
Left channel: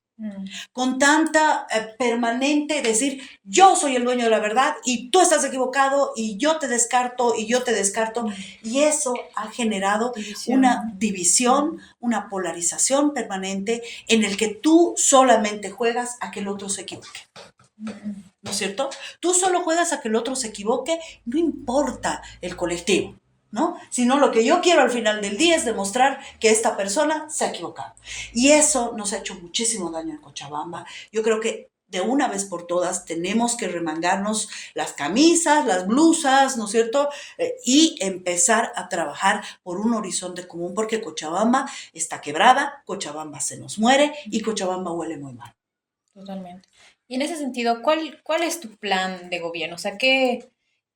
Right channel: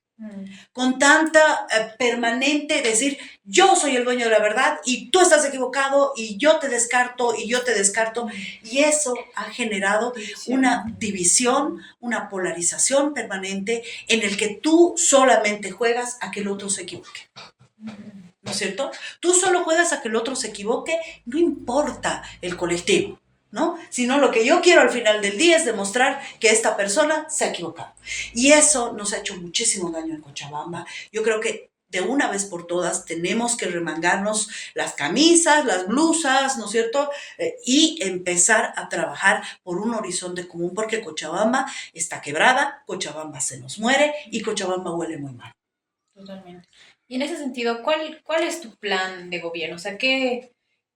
Con tanta permanente decir, yo soy el dueño de la verdad y tú estás equivocado y yo te descarto y yo te descarto. Y eso ha generado una división, una polarización permanente en el que tú solamente juegas a que el otro se equivoque. ¿No es cierto? Tú solo juegas a que el otro se equivoque, no importa el colectivo, ¿no? Sino lo que yo quiero al final del día es demostrar que esta persona se ha equivocado. Y eso nos ha hecho muchísimo daño en Cochabamba. Yo creo que de una vez por todas tenemos que remangarnos las camisas, las blusas, ¿no es cierto? Y empezar a trabajar por un horizonte común, porque Cochabamba está quebrada, Cochabamba se nos muere y Cochabamba huele muy mal. Totalmente. Y en ese sentido, ¿cuál es tu plan de gobierno? O sea,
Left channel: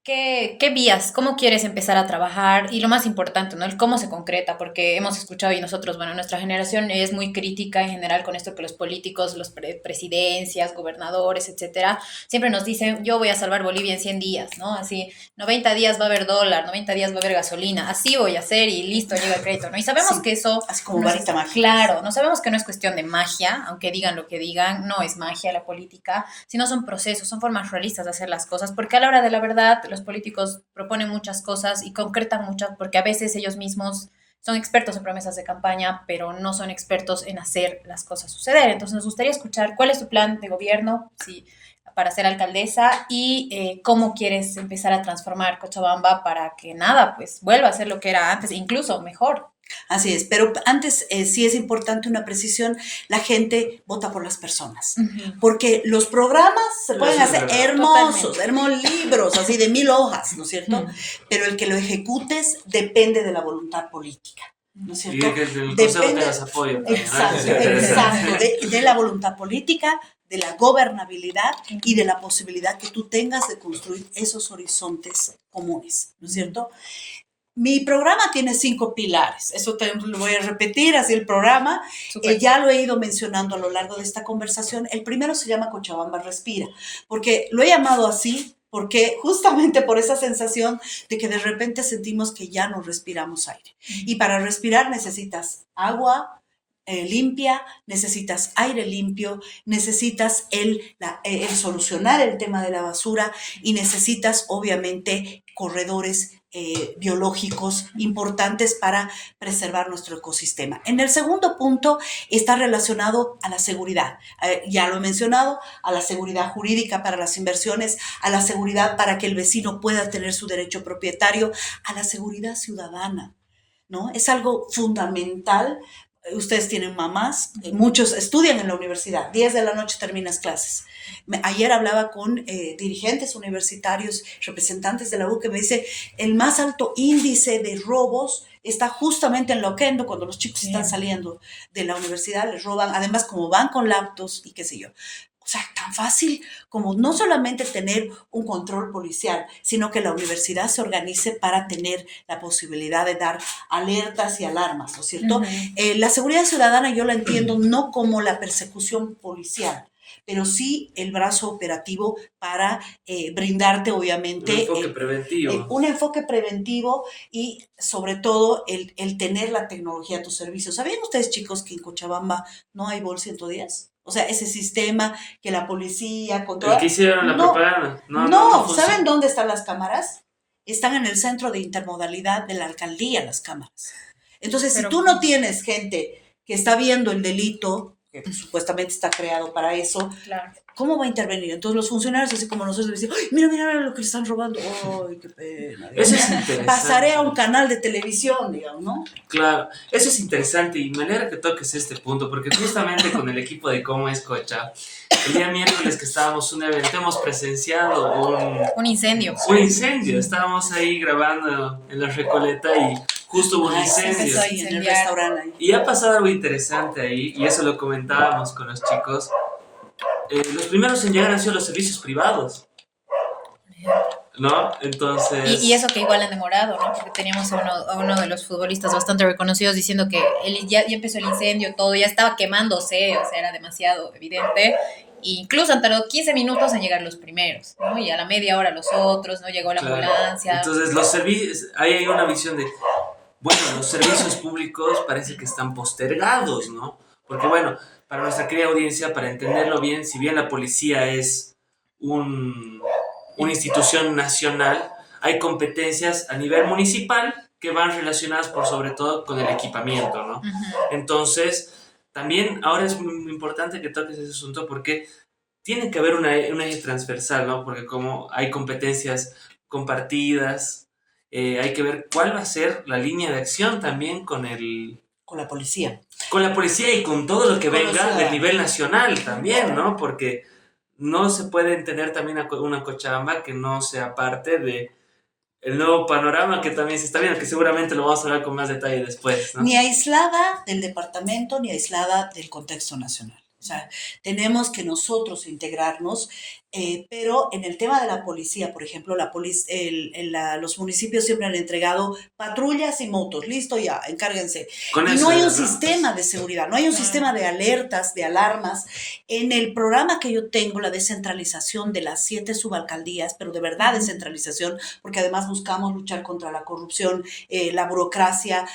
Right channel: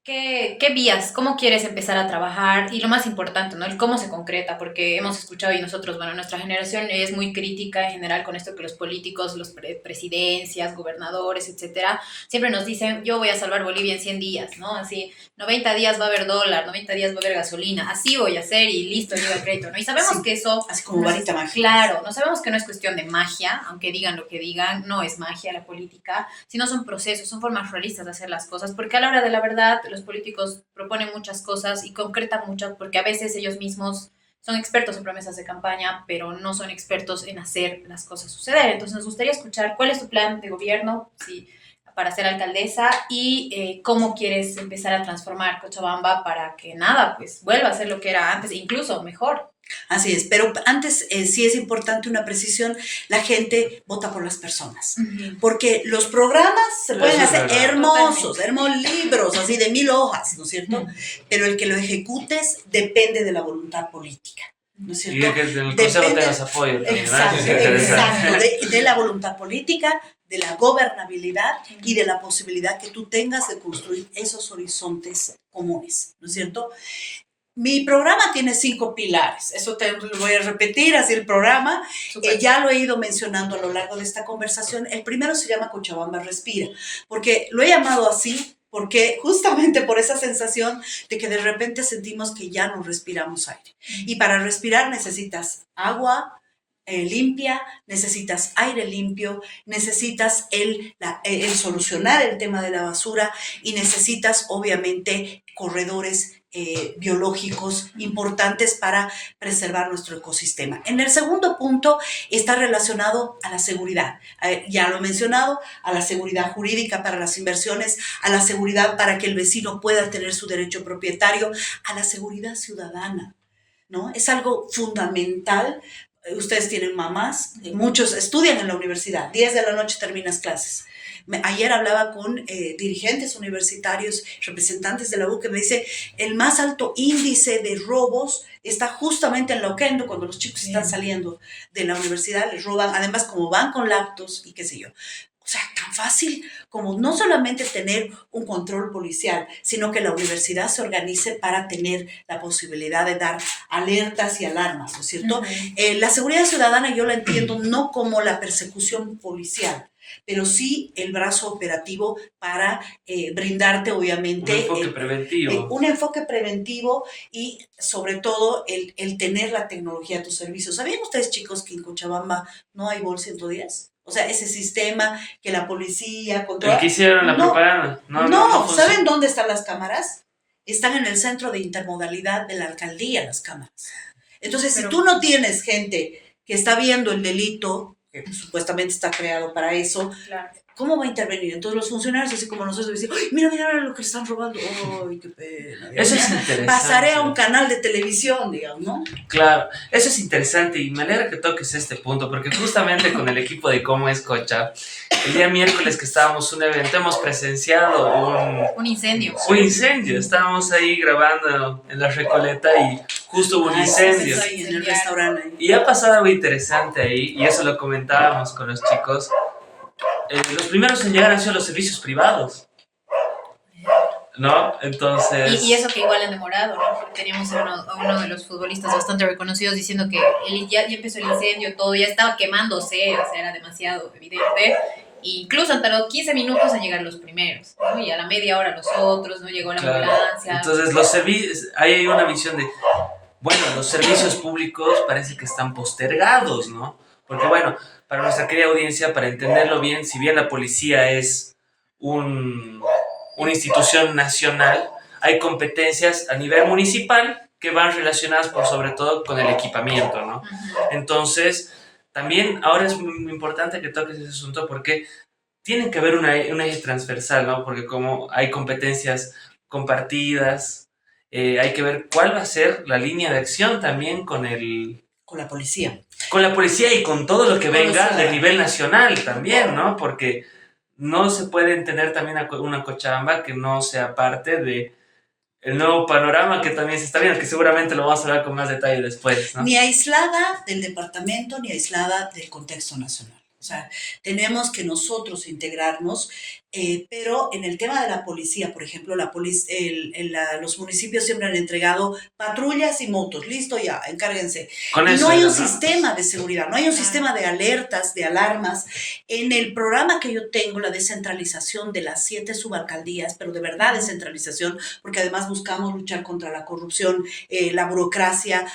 ¿Qué vías? ¿Cómo quieres empezar a trabajar? Y lo más importante, ¿no? El cómo se concreta, porque hemos escuchado y nosotros, bueno, nuestra generación es muy crítica en general con esto que los políticos, los presidencias, gobernadores, etcétera, siempre nos dicen, yo voy a salvar Bolivia en 100 días, ¿no? Así, 90 días va a haber dólar, 90 días va a haber gasolina, así voy a hacer y listo, llega el crédito, ¿no? Y sabemos Sí, que eso... así como no es- varita mágica. Claro, no sabemos que no es cuestión de magia, aunque digan lo que digan, no es magia la política, sino son procesos, son formas realistas de hacer las cosas, porque a la hora de la verdad los políticos proponen muchas cosas y concretan muchas, porque a veces ellos mismos son expertos en promesas de campaña, pero no son expertos en hacer las cosas suceder. Entonces nos gustaría escuchar cuál es tu plan de gobierno si, para ser alcaldesa y cómo quieres empezar a transformar Cochabamba para que nada, pues vuelva a ser lo que era antes, incluso mejor. Así es, pero antes sí es importante una precisión, la gente vota por las personas, porque los programas se pueden Eso es hacer verdad. hermosos, Totalmente. hermosos libros, así de 1000 hojas, ¿no es cierto? Pero el que lo ejecutes depende de la voluntad política, ¿no es Y cierto? de que el consejo Depende, tengas apoyo también. exacto, Es interesante. exacto, de la voluntad política, de la gobernabilidad y de la posibilidad que tú tengas de construir esos horizontes comunes, ¿no es cierto? Mi programa tiene 5 pilares, eso te lo voy a repetir, así el programa, Súper. ya lo he ido mencionando a lo largo de esta conversación. El primero se llama Cochabamba Respira, porque lo he llamado así, porque justamente por esa sensación de que de repente sentimos que ya no respiramos aire. Y para respirar necesitas agua limpia, necesitas aire limpio, necesitas el solucionar el tema de la basura y necesitas obviamente corredores biológicos importantes para preservar nuestro ecosistema. En el segundo punto está relacionado a la seguridad. Ya lo he mencionado, a la seguridad jurídica para las inversiones, a la seguridad para que el vecino pueda tener su derecho propietario, a la seguridad ciudadana, ¿no? Es algo fundamental. Ustedes tienen mamás, muchos estudian en la universidad, 10 de la noche terminas clases. Ayer hablaba con dirigentes universitarios, representantes de la U, que me dice, el más alto índice de robos está justamente en Loquendo, cuando los chicos están saliendo de la universidad, les roban, además como van con laptops y qué sé yo. O sea, tan fácil como no solamente tener un control policial, sino que la universidad se organice para tener la posibilidad de dar alertas y alarmas, ¿no es cierto? La seguridad ciudadana yo la entiendo no como la persecución policial, pero sí el brazo operativo para brindarte, obviamente, Un enfoque preventivo. un enfoque preventivo y, sobre todo, el tener la tecnología a tu servicio. ¿Sabían ustedes, chicos, que en Cochabamba no hay BOL 110? O sea, ese sistema que la policía controla. El que hicieron la No, propaganda. No no, funciona. ¿saben dónde están las cámaras? Están en el centro de intermodalidad de la alcaldía, las cámaras. Entonces, Pero- si tú no tienes gente que está viendo el delito, que supuestamente está creado para eso, Claro. ¿cómo va a intervenir? Entonces los funcionarios, así como nosotros, dicen, ¡ay, mira, mira lo que le están robando! ¡Ay, qué pena! Eso es interesante. Pasaré a un canal de televisión, digamos, ¿no? Claro, eso es interesante y me alegra que toques este punto porque justamente con el equipo de Cómo es Cocha, el día miércoles que estábamos en un evento hemos presenciado Un incendio. un incendio. Estábamos ahí grabando en la Recoleta y justo hubo un Ah, sí, incendio. sí, ahí en el restaurante. Ahí. Y ha pasado algo interesante ahí y eso lo comentábamos con los chicos. Los primeros en llegar han sido los servicios privados, ¿no? Entonces... Y eso que igual han demorado, ¿no? Porque teníamos a uno de los futbolistas bastante reconocidos diciendo que ya empezó el incendio, todo ya estaba quemándose, o sea, era demasiado evidente. E incluso han tardado 15 minutos en llegar los primeros, ¿no? Y a la media hora los otros, ¿no? Llegó la Claro. ambulancia. Entonces, los servicios, ahí hay una visión de, bueno, los servicios públicos parece que están postergados, ¿no? Porque, bueno, para nuestra querida audiencia, para entenderlo bien, si bien la policía es una institución nacional, hay competencias a nivel municipal que van relacionadas por sobre todo con el equipamiento, ¿no? Entonces, también ahora es muy importante que toques ese asunto porque tiene que haber un eje transversal, ¿no? Porque como hay competencias compartidas, hay que ver cuál va a ser la línea de acción también con la policía. Con la policía y con todo lo que venga Policía. del nivel nacional también, ¿no? Porque no se puede entender también una Cochabamba que no sea parte de el nuevo panorama que también se está viendo, que seguramente lo vamos a hablar con más detalle después, ¿no? Ni aislada del departamento, ni aislada del contexto nacional. O sea, tenemos que nosotros integrarnos, pero en el tema de la policía, por ejemplo, los municipios siempre han entregado patrullas y motos, listo ya, encárguense. Con Y eso no hay era, un ¿no? sistema de seguridad, no hay un sistema de alertas, de alarmas. En el programa que yo tengo, la descentralización de las 7 subalcaldías, pero de verdad descentralización, porque además buscamos luchar contra la corrupción, la burocracia.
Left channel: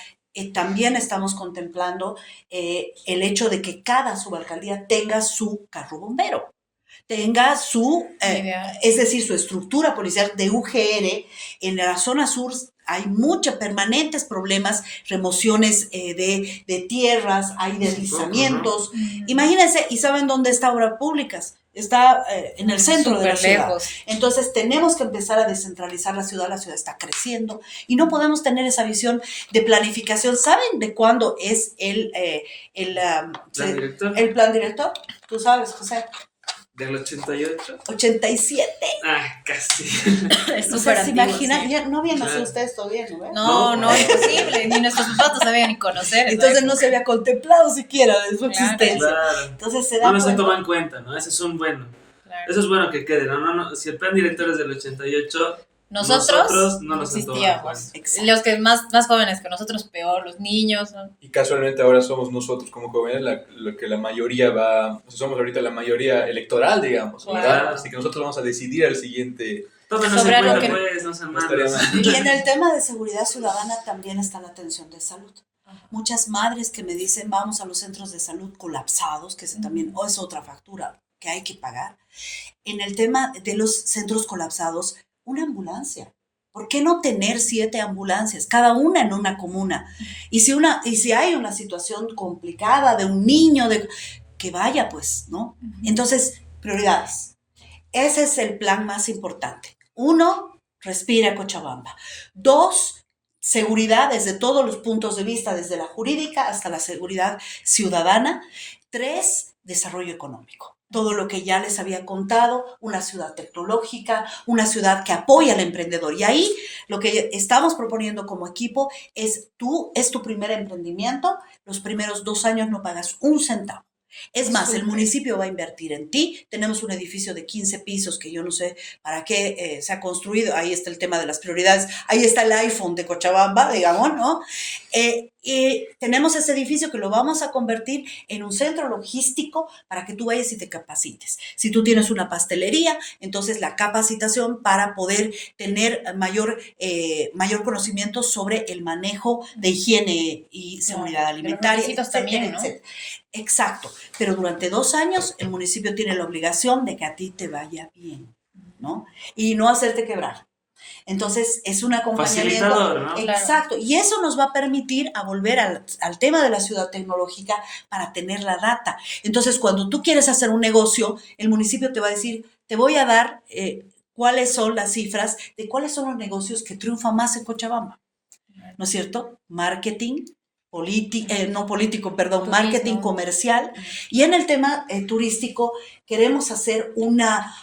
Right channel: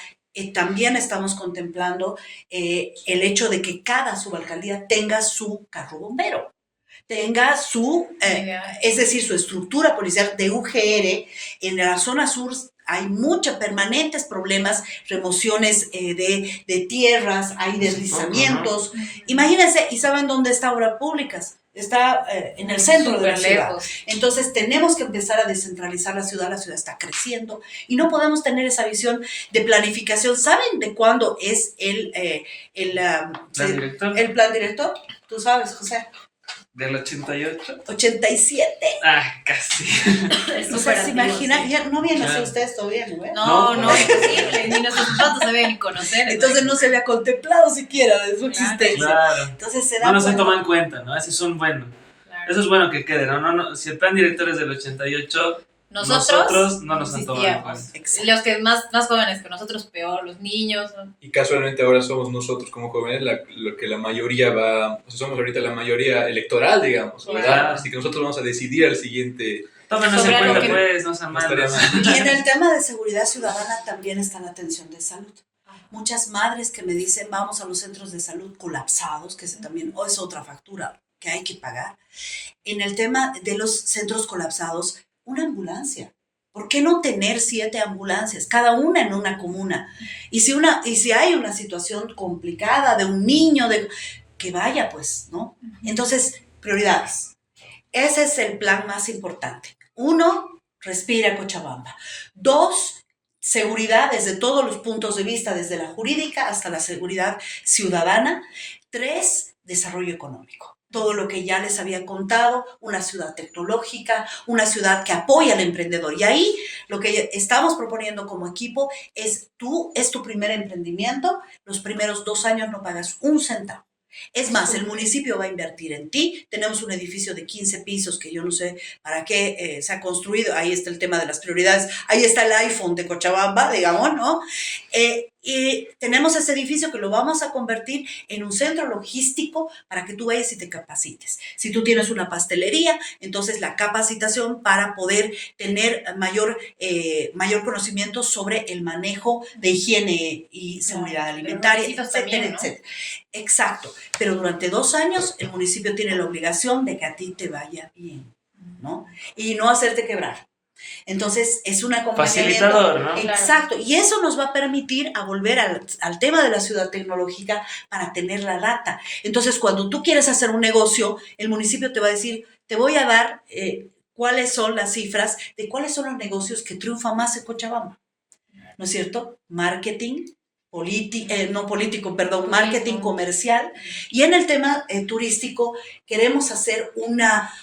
También estamos contemplando el hecho de que cada subalcaldía tenga su carro bombero, tenga es decir, su estructura policial de UGR. En la zona sur hay muchos permanentes problemas, remociones de tierras, hay deslizamientos. Imagínense, ¿y saben dónde está Obras Públicas? Está en el centro de la ciudad. Lejos. Entonces tenemos que empezar a descentralizar la ciudad está creciendo y no podemos tener esa visión de planificación. ¿Saben de cuándo es el ¿Plan director? el plan director? ¿Tú sabes, José? ¿Del 88? 87. Ah, casi. Es O súper sea, ¿se antiguo, imaginan? sí. Ya no habían nacido Claro. ustedes todavía, ¿no? No, No. imposible. Ni nuestros patos se deben ni conocer. Entonces no se había contemplado siquiera de su Claro. existencia. Claro. Entonces se da No nos han cuenta. tomado en cuenta, ¿no? Ese es un bueno. Claro. Eso es bueno que quede, ¿no? No, si el plan director es del 88, Nosotros no nos han tomado en existíamos. cuenta. Exacto. Los que más jóvenes que nosotros, peor, los niños. ¿no? Y casualmente ahora somos nosotros como jóvenes lo que la mayoría va, o sea, somos ahorita la mayoría electoral, digamos, ¿verdad? Claro. Así que nosotros vamos a decidir al siguiente. Tómenos en Sobre cuenta, algo que- pues, no sean No estaría malos. mal. Y en el tema de seguridad ciudadana también está la atención de salud. Muchas madres que me dicen, vamos a los centros de salud colapsados, que ese también es otra factura que hay que pagar. En el tema de los centros colapsados, una ambulancia. ¿Por qué no tener 7 ambulancias, cada una en una comuna? Y si hay una situación complicada de un niño, que vaya, pues, ¿no? Entonces, prioridades. Ese es el plan más importante. 1, respira Cochabamba. 2, seguridad desde todos los puntos de vista, desde la jurídica hasta la seguridad ciudadana. 3, desarrollo económico. Todo lo que ya les había contado, una ciudad tecnológica, una ciudad que apoya al emprendedor. Y ahí lo que estamos proponiendo como equipo es tu primer emprendimiento, los primeros 2 años no pagas un centavo. Es más, el municipio va a invertir en ti. Tenemos un edificio de 15 pisos que yo no sé para qué se ha construido. Ahí está el tema de las prioridades. Ahí está el iPhone de Cochabamba, digamos, ¿no? Y tenemos ese edificio que lo vamos a convertir en un centro logístico para que tú vayas y te capacites. Si tú tienes una pastelería, entonces la capacitación para poder tener mayor conocimiento sobre el manejo de higiene y seguridad alimentaria, requisitos etcétera, también, ¿no? etcétera. Exacto, pero durante 2 años el municipio tiene la obligación de que a ti te vaya bien, ¿no? Y no hacerte quebrar. Entonces es un acompañamiento. Facilitador, ¿no? Exacto, y eso nos va a permitir a volver al tema de la ciudad tecnológica para tener la data. Entonces cuando tú quieres hacer un negocio, el municipio te va a decir, te voy a dar cuáles son las cifras de cuáles son los negocios que triunfan más en Cochabamba, ¿no es cierto? Marketing, marketing comercial. Y en el tema turístico queremos hacer una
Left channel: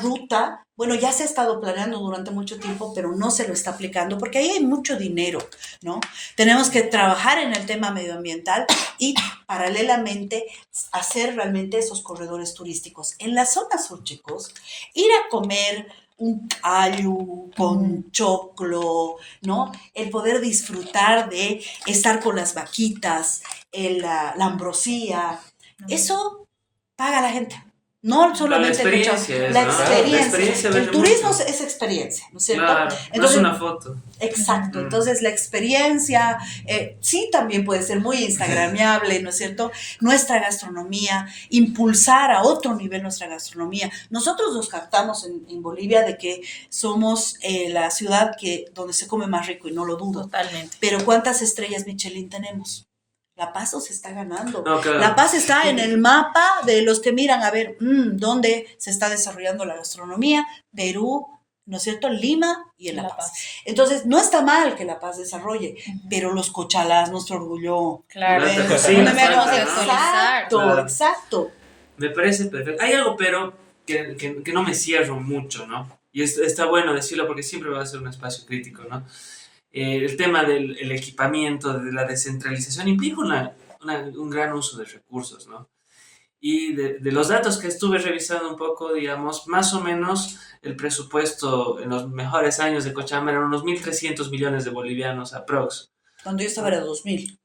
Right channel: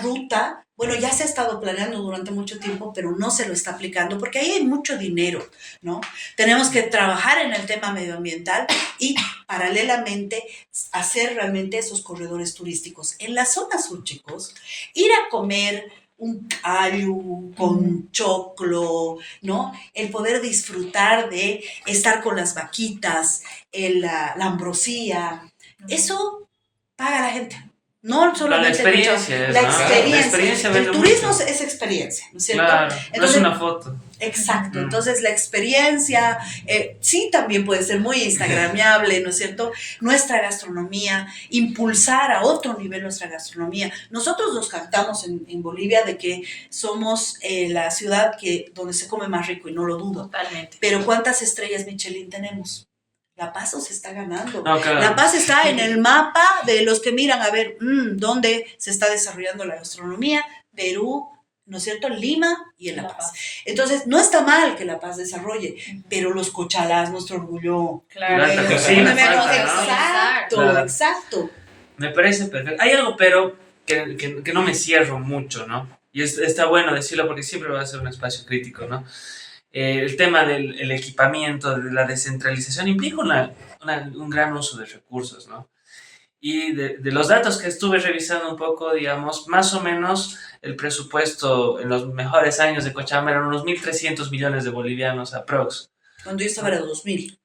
ruta. Bueno, ya se ha estado planeando durante mucho tiempo, pero no se lo está aplicando porque ahí hay mucho dinero, ¿no? Tenemos que trabajar en el tema medioambiental y paralelamente hacer realmente esos corredores turísticos. En la zona sur, chicos, ir a comer un callo con choclo, ¿no? El poder disfrutar de estar con las vaquitas, la ambrosía, eso paga la gente. No solamente la experiencia es, la ¿no? experiencia. La experiencia vende el turismo mucho. es experiencia, ¿no es cierto? Claro, no Entonces, es una foto. Exacto, entonces la experiencia sí también puede ser muy instagramiable, ¿no es cierto? Nuestra gastronomía, impulsar a otro nivel nuestra gastronomía. Nosotros nos jactamos en Bolivia de que somos la ciudad donde se come más rico y no lo dudo. Totalmente. Pero ¿cuántas estrellas Michelin tenemos? La Paz se está ganando. No, claro. La Paz está en el mapa de los que miran a ver dónde se está desarrollando la gastronomía. Perú, ¿no es cierto? Lima y en La Paz. Entonces, no está mal que La Paz desarrolle, pero los Cochalás, nuestro orgullo. Claro. La alta Eso cocina también falta, ¿no? Exacto, Claro. exacto. Me parece perfecto. Hay algo, pero, que no me cierro mucho, ¿no? Y está bueno decirlo porque siempre va a ser un espacio crítico, ¿no? El tema del equipamiento, de la descentralización, implica un gran uso de recursos, ¿no? Y de los datos que estuve revisando un poco, digamos, más o menos el presupuesto en los mejores años de Cochabamba eran unos 1.300 millones de bolivianos aprox. Cuando yo estaba era 2000.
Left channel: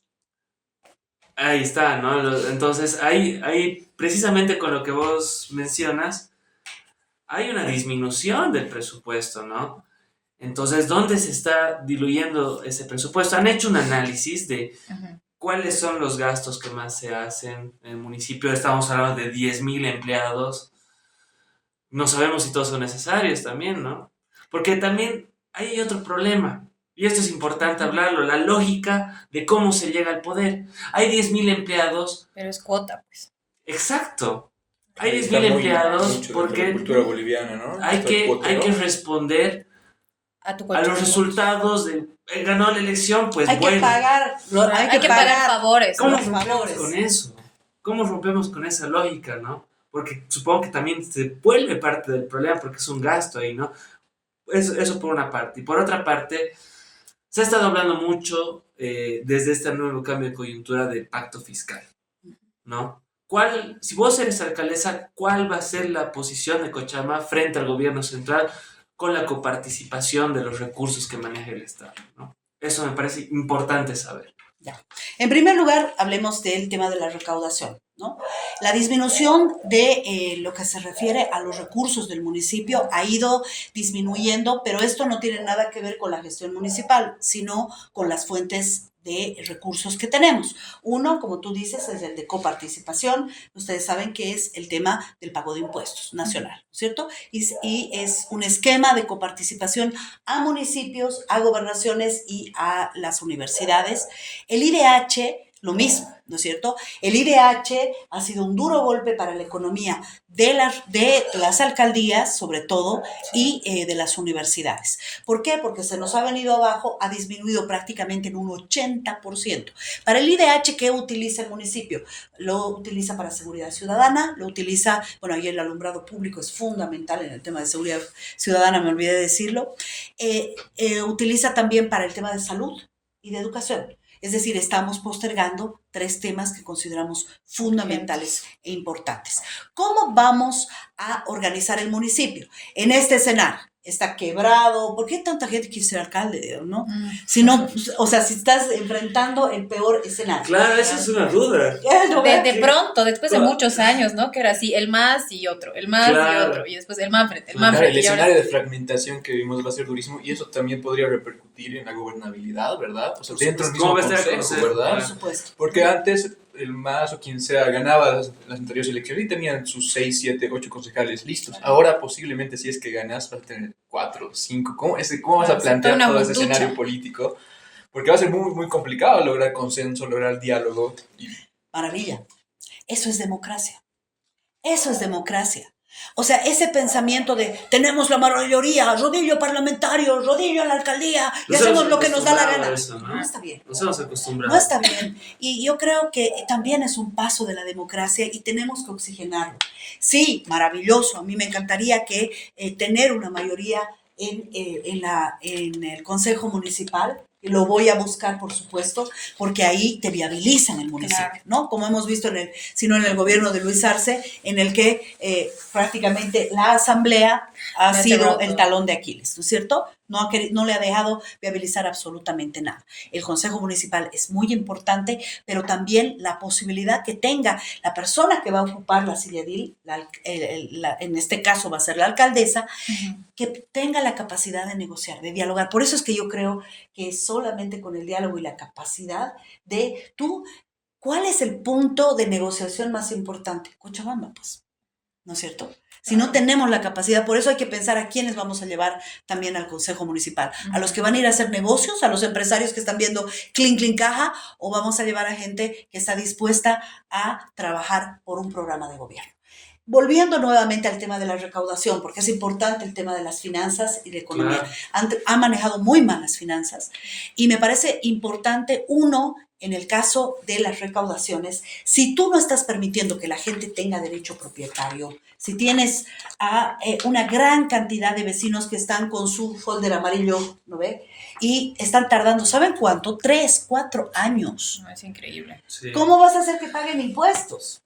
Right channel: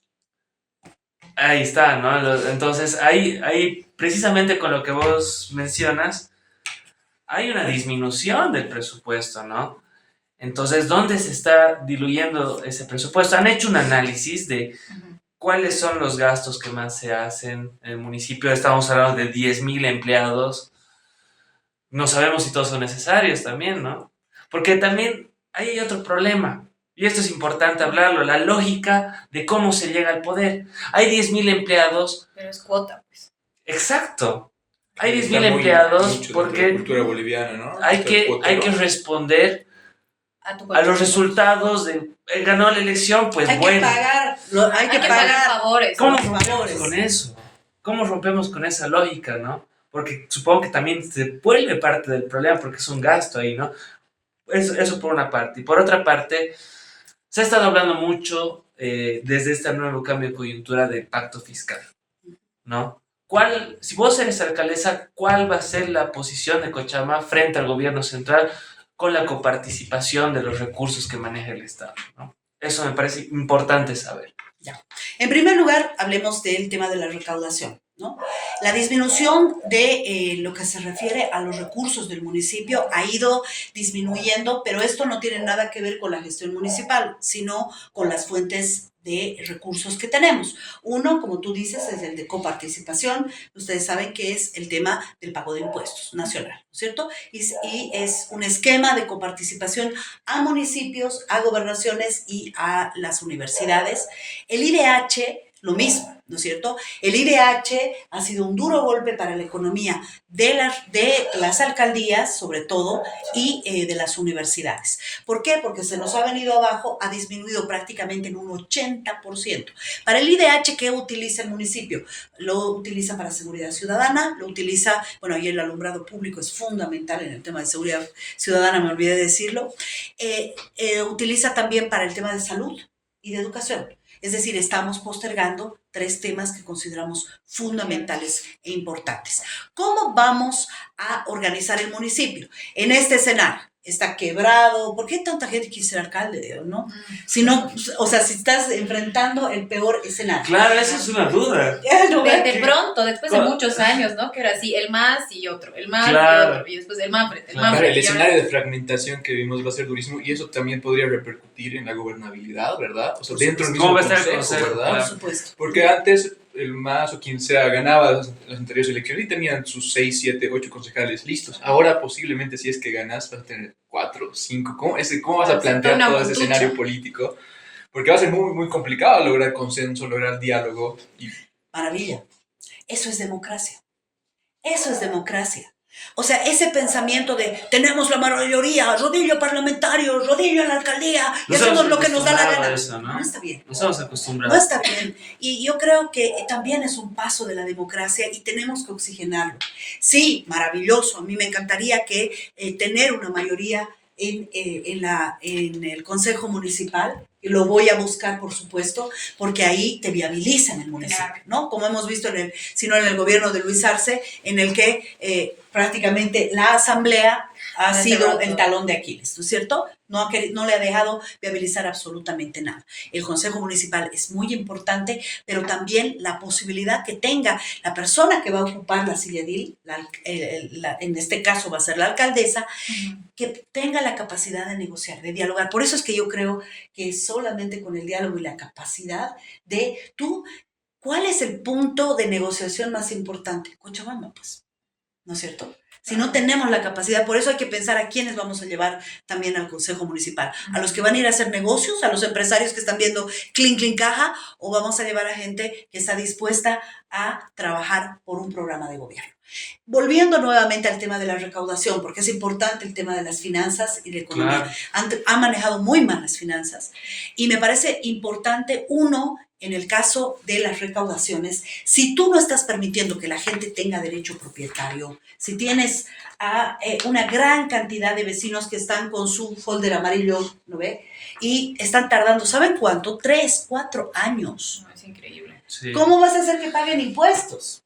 Ahí está, ¿no? Entonces, ahí, precisamente con lo que vos mencionas, hay una disminución del presupuesto, ¿no? Entonces, ¿dónde se está diluyendo ese presupuesto? Han hecho un análisis de Ujú. cuáles son los gastos que más se hacen en el municipio. Estamos hablando de 10.000 empleados. No sabemos si todos son necesarios también, ¿no? Porque también hay otro problema, y esto es importante hablarlo, la lógica de cómo se llega al poder. Hay 10.000 empleados, Pero es cuota, pues. exacto. Hay Está 10.000 muy empleados mucho dentro de la porque cultura boliviana, ¿no? hay Esto del que, cuota, hay que ¿no? responder A tu a los colchón. resultados de ganó la elección, pues Hay que bueno. pagar, hay que pagar pagar. favores. ¿Cómo los rompemos favores. con eso? ¿Cómo rompemos con esa lógica, no? Porque supongo que también se vuelve parte del problema porque es un gasto ahí, ¿no? Eso por una parte. Y por otra parte, se ha estado hablando mucho desde este nuevo cambio de coyuntura del pacto fiscal, ¿no? Si vos eres alcaldesa, ¿cuál va a ser la posición de Cochabamba frente al gobierno central con la coparticipación de los recursos que maneja el Estado, ¿no? Eso me parece importante saber. Ya. En primer lugar, hablemos del tema de la recaudación, ¿no? La disminución de lo que se refiere a los recursos del municipio ha ido disminuyendo, pero esto no tiene nada que ver con la gestión municipal, sino con las fuentes de recursos que tenemos. Uno, como tú dices, es el de coparticipación. Ustedes saben que es el tema del pago de impuestos nacional, ¿no es cierto? Y es un esquema de coparticipación a municipios, a gobernaciones y a las universidades. El IDH, lo mismo, ¿no es cierto? El IDH ha sido un duro golpe para la economía de las alcaldías, sobre todo, y de las universidades. ¿Por qué? Porque se nos ha venido abajo, ha disminuido prácticamente en un 80%. Para el IDH, ¿qué utiliza el municipio? Lo utiliza para seguridad ciudadana, lo utiliza, bueno, y el alumbrado público es fundamental en el tema de seguridad ciudadana, me olvidé de decirlo. Utiliza también para el tema de salud y de educación. Es decir, estamos postergando 3 temas que consideramos fundamentales e importantes. ¿Cómo vamos a organizar el municipio en este escenario? Está quebrado. ¿Por qué tanta gente quiere ser alcalde, no? Si no, o sea, si estás enfrentando el peor escenario. Claro, esa es una duda. De pronto, después de muchos años, ¿no? Que era así, el más y otro, el más Claro. y otro, y después el Manfred, el Claro, Manfred. Claro, el y ahora- escenario de fragmentación que vimos va a ser durísimo y eso también podría repercutir en la gobernabilidad, ¿verdad? O sea, dentro del mismo ¿Cómo va a estar el consejo, consejo? ¿verdad? Por supuesto. Porque antes el MAS o quien sea ganaba las anteriores elecciones y tenían sus 6, 7, 8 concejales listos. Ahora posiblemente si es que ganas vas a tener 4, 5. ¿Cómo vas a Claro, plantear una todo ese lucha. escenario político? Porque va a ser muy, muy complicado lograr consenso, lograr diálogo. Y Maravilla. Eso es democracia. Eso es democracia. O sea, ese pensamiento de tenemos la mayoría, rodillo parlamentario, rodillo en la alcaldía, y Nos hacemos hemos lo que nos da la acostumbrado gana. a eso, ¿no? No está bien. Nos hemos No acostumbrado. está bien. Y yo creo que también es un paso de la democracia y tenemos que oxigenarlo. Sí, maravilloso. A mí me encantaría que tener una mayoría en el Consejo Municipal. Y lo voy a buscar, por supuesto, porque ahí te viabilizan el municipio, Claro. ¿no? Como hemos visto sino en el gobierno de Luis Arce, en el que prácticamente la asamblea ha Ya sido cerró el todo. talón de Aquiles, ¿no es cierto? No le ha dejado viabilizar absolutamente nada. El Consejo Municipal es muy importante, pero también la posibilidad que tenga la persona que va a ocupar la silla edil, en este caso va a ser la alcaldesa, Ujú. que tenga la capacidad de negociar, de dialogar. Por eso es que yo creo que solamente con el diálogo y la capacidad de ¿cuál es el punto de negociación más importante? Cochabamba, pues, ¿no es cierto? Si no tenemos la capacidad, por eso hay que pensar a quiénes vamos a llevar también al Consejo Municipal. A los que van a ir a hacer negocios, a los empresarios que están viendo clink, clink, caja, o vamos a llevar a gente que está dispuesta a trabajar por un programa de gobierno. Volviendo nuevamente al tema de la recaudación, porque es importante el tema de las finanzas y de economía. Claro. Han manejado muy mal las finanzas y me parece importante, uno, en el caso de las recaudaciones, si tú no estás permitiendo que la gente tenga derecho propietario, si tienes una gran cantidad de vecinos que están con su folder amarillo, ¿no ve? Y están tardando, ¿saben cuánto? 3, 4 años. No, es increíble. Sí. ¿Cómo vas a hacer que paguen impuestos?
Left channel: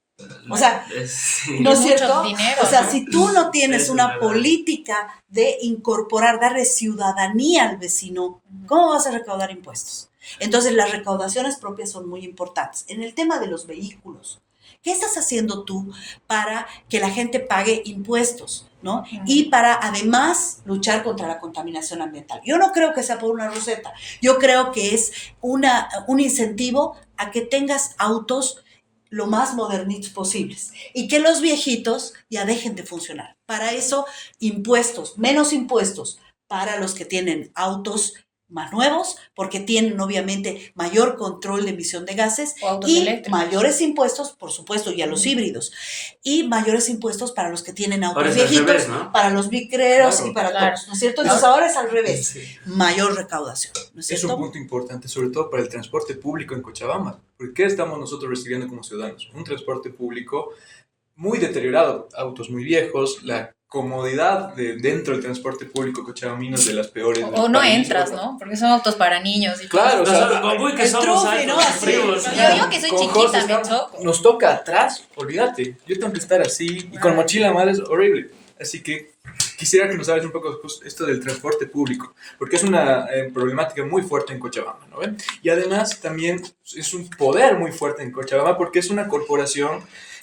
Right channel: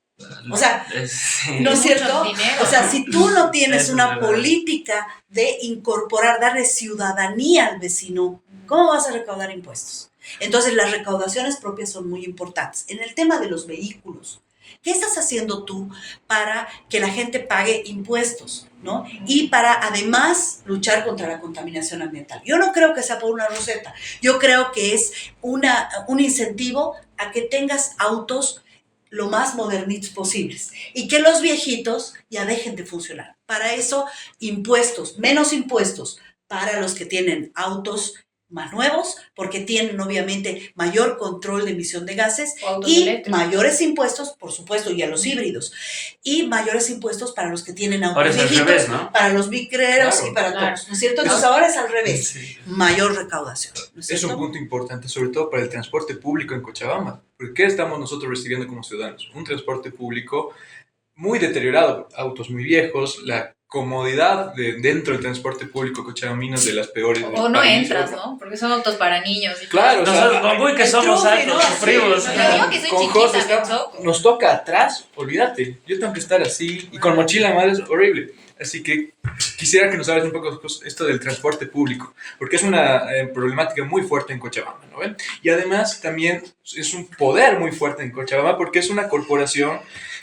O sea, Sí. ¿no es Mucho cierto? dinero. O sea, si tú no tienes Eso es una verdad. política de incorporar, darle ciudadanía al vecino, ¿cómo vas a recaudar impuestos? Entonces, las recaudaciones propias son muy importantes. En el tema de los vehículos, ¿qué estás haciendo tú para que la gente pague impuestos, ¿no? Y para además luchar contra la contaminación ambiental. Yo no creo que sea por una receta. Yo creo que es un incentivo a que tengas autos lo más modernitos posibles y que los viejitos ya dejen de funcionar. Para eso, impuestos, menos impuestos para los que tienen autos más nuevos, porque tienen obviamente mayor control de emisión de gases O autos y eléctricos. mayores impuestos, por supuesto, y a los híbridos, y mayores impuestos para los que tienen autos Ahora es al viejitos, revés, ¿no? para los micreros Claro, y para claro. todos, ¿no es cierto? Entonces ahora es al revés, Sí. mayor recaudación, ¿no es Es cierto? un punto importante, sobre todo para el transporte público en Cochabamba. ¿Por qué estamos nosotros recibiendo como ciudadanos? Un transporte público muy deteriorado, autos muy viejos, la comodidad dentro del transporte público cochabambino es de las peores del O no país. entras, ¿no? Porque son autos para niños. Y Claro, o sea, Nosotros, con Buy que el somos trufe, altos, ¿no? sufrimos. Sí. Yo que soy con chiquita, José me está- choco. nos toca atrás, olvídate. Yo tengo que estar así y con mochila madre es horrible. Así que quisiera que nos hables un poco pues, esto del transporte público, porque es una problemática muy fuerte en Cochabamba, ¿no ven? Y además también es un poder muy fuerte en Cochabamba porque es una corporación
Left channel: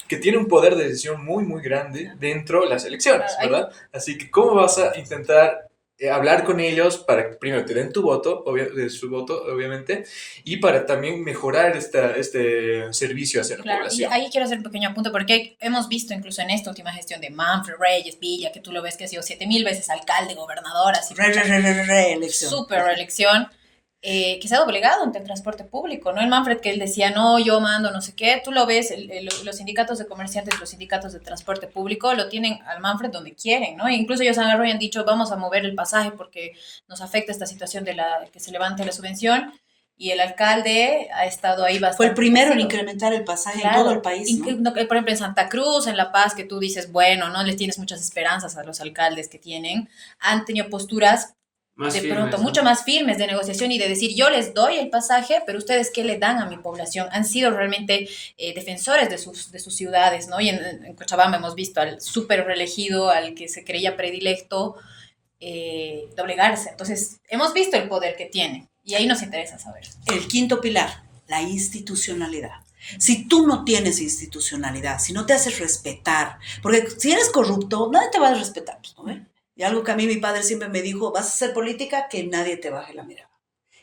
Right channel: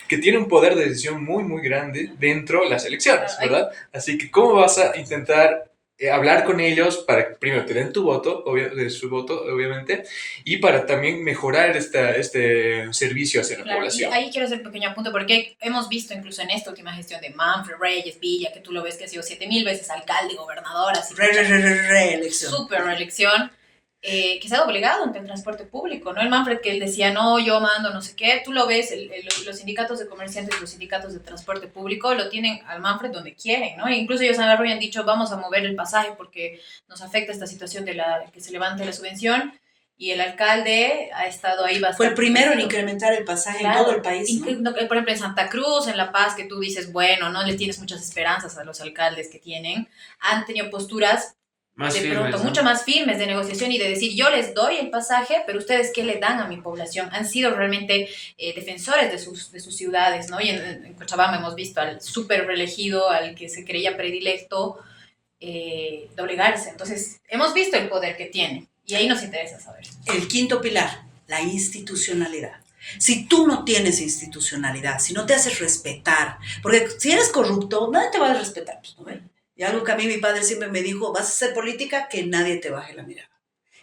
que tiene un poder de decisión muy, muy grande dentro de las elecciones, ¿verdad? Así que, ¿cómo vas a intentar hablar con ellos para que primero te den tu voto, su voto, obviamente, y para también mejorar este servicio hacia la Claro, y población? ahí quiero hacer un pequeño apunte porque hemos visto incluso en esta última gestión de Manfred Reyes Villa, que tú lo ves que ha sido 7000 veces alcalde, gobernador, así Reelección. súper reelección, que se ha doblegado ante el transporte público, ¿no? El Manfred que él decía, no, yo mando, no sé qué, tú lo ves, los sindicatos de comerciantes, los sindicatos de transporte público lo tienen al Manfred donde quieren, ¿no? E incluso ellos han agarrado y han dicho, vamos a mover el pasaje porque nos afecta esta situación de que se levante la subvención, y el alcalde ha estado ahí bastante. Fue el primero en crecido. incrementar el pasaje Claro. en todo el país, ¿no? Por ejemplo, en Santa Cruz, en La Paz, que tú dices, bueno, no les tienes muchas esperanzas a los alcaldes que tienen, han tenido posturas Más de firmes, pronto ¿no? mucho más firmes de negociación y de decir, yo les doy el pasaje, pero ustedes qué le dan a mi población. Han sido realmente defensores de sus ciudades, ¿no? Y en Cochabamba hemos visto al súper reelegido, al que se creía predilecto, doblegarse. Entonces, hemos visto el poder que tiene y ahí nos interesa saber. El quinto pilar, la institucionalidad. Si tú no tienes institucionalidad, si no te haces respetar, porque si eres corrupto, nadie te va a respetar, pues, ¿no ve? Y algo que a mí mi padre siempre me dijo, vas a hacer política, que nadie te baje la mirada.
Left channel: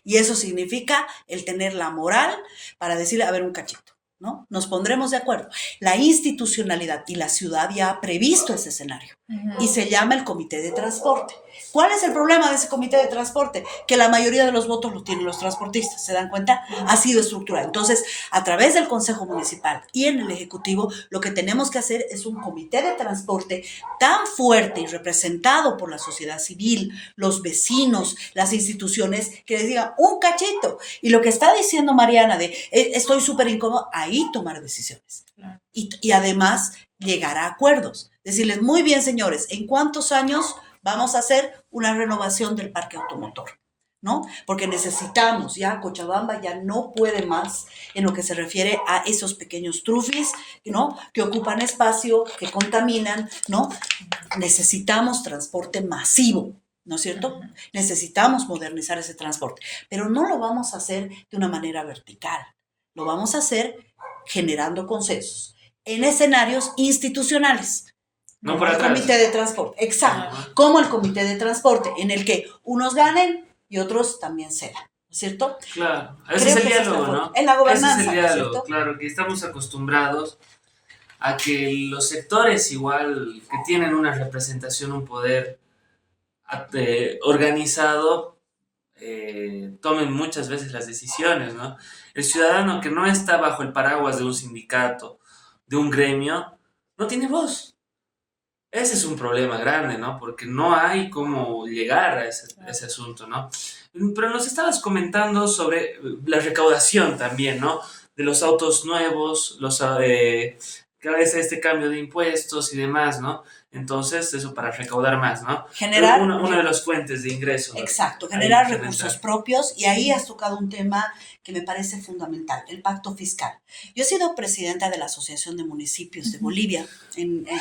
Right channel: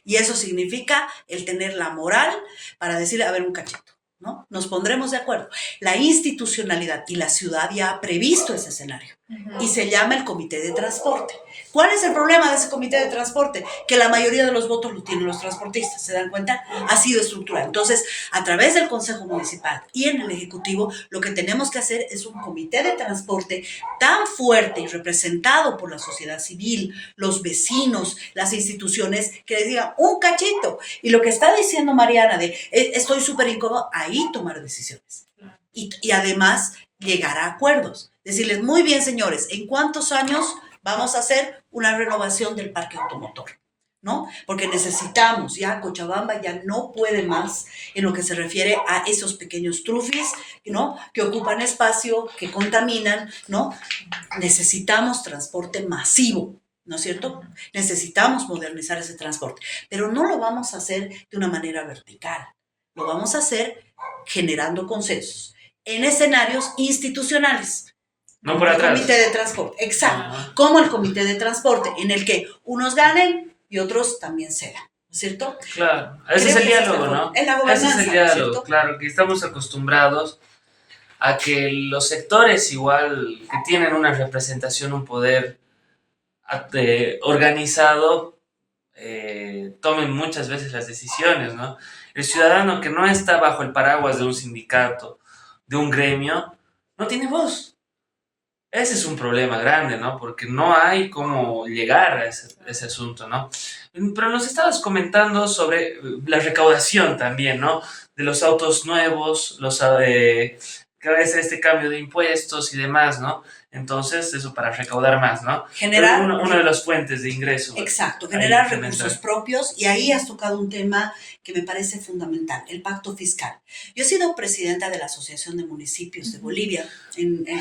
Y eso significa el tener la moral para decirle, a ver, un cachito, ¿no? Nos pondremos de acuerdo. La institucionalidad y la ciudad ya ha previsto ese escenario y se llama el comité de transporte. ¿Cuál es el problema de ese comité de transporte? Que la mayoría de los votos lo tienen los transportistas, ¿se dan cuenta? Ha sido estructurado. Entonces, a través del Consejo Municipal y en el Ejecutivo, lo que tenemos que hacer es un comité de transporte tan fuerte y representado por la sociedad civil, los vecinos, las instituciones, que les digan un cachito. Y lo que está diciendo Mariana de estoy súper incómodo, ahí tomar decisiones. Y además llegar a acuerdos. Decirles, muy bien, señores, ¿en cuántos años vamos a hacer una renovación del parque automotor? ¿No? Porque necesitamos, ya Cochabamba ya no puede más en lo que se refiere a esos pequeños trufis, ¿no? Que ocupan espacio, que contaminan, ¿no? Necesitamos transporte masivo, ¿no es cierto? Necesitamos modernizar ese transporte, pero no lo vamos a hacer de una manera vertical, lo vamos a hacer generando consensos en escenarios institucionales. No por el atrás. comité de transporte, exacto, Ajá. como el comité de transporte, en el que unos ganen y otros también cedan, ¿no es cierto? Claro, ese Creo es el que esa diálogo, es la ¿no? forma. En la Ese gobernanza, es el ¿no es diálogo, cierto? claro, que estamos acostumbrados a que los sectores igual que tienen una representación, un poder organizado, tomen muchas veces las decisiones, ¿no? El ciudadano que no está bajo el paraguas de un sindicato, de un gremio, no tiene voz. Ese es un problema grande, ¿no? Porque no hay cómo llegar a ese asunto, ¿no? Pero nos estabas comentando sobre la recaudación también, ¿no? De los autos nuevos, que a veces este cambio de impuestos y demás, ¿no? Entonces, eso para recaudar más, ¿no? Generar... Pero una de las fuentes de ingreso. Exacto, generar implementar recursos propios, y ahí has tocado un tema que me parece fundamental, el pacto fiscal. Yo he sido presidenta de la Asociación de Municipios de Bolivia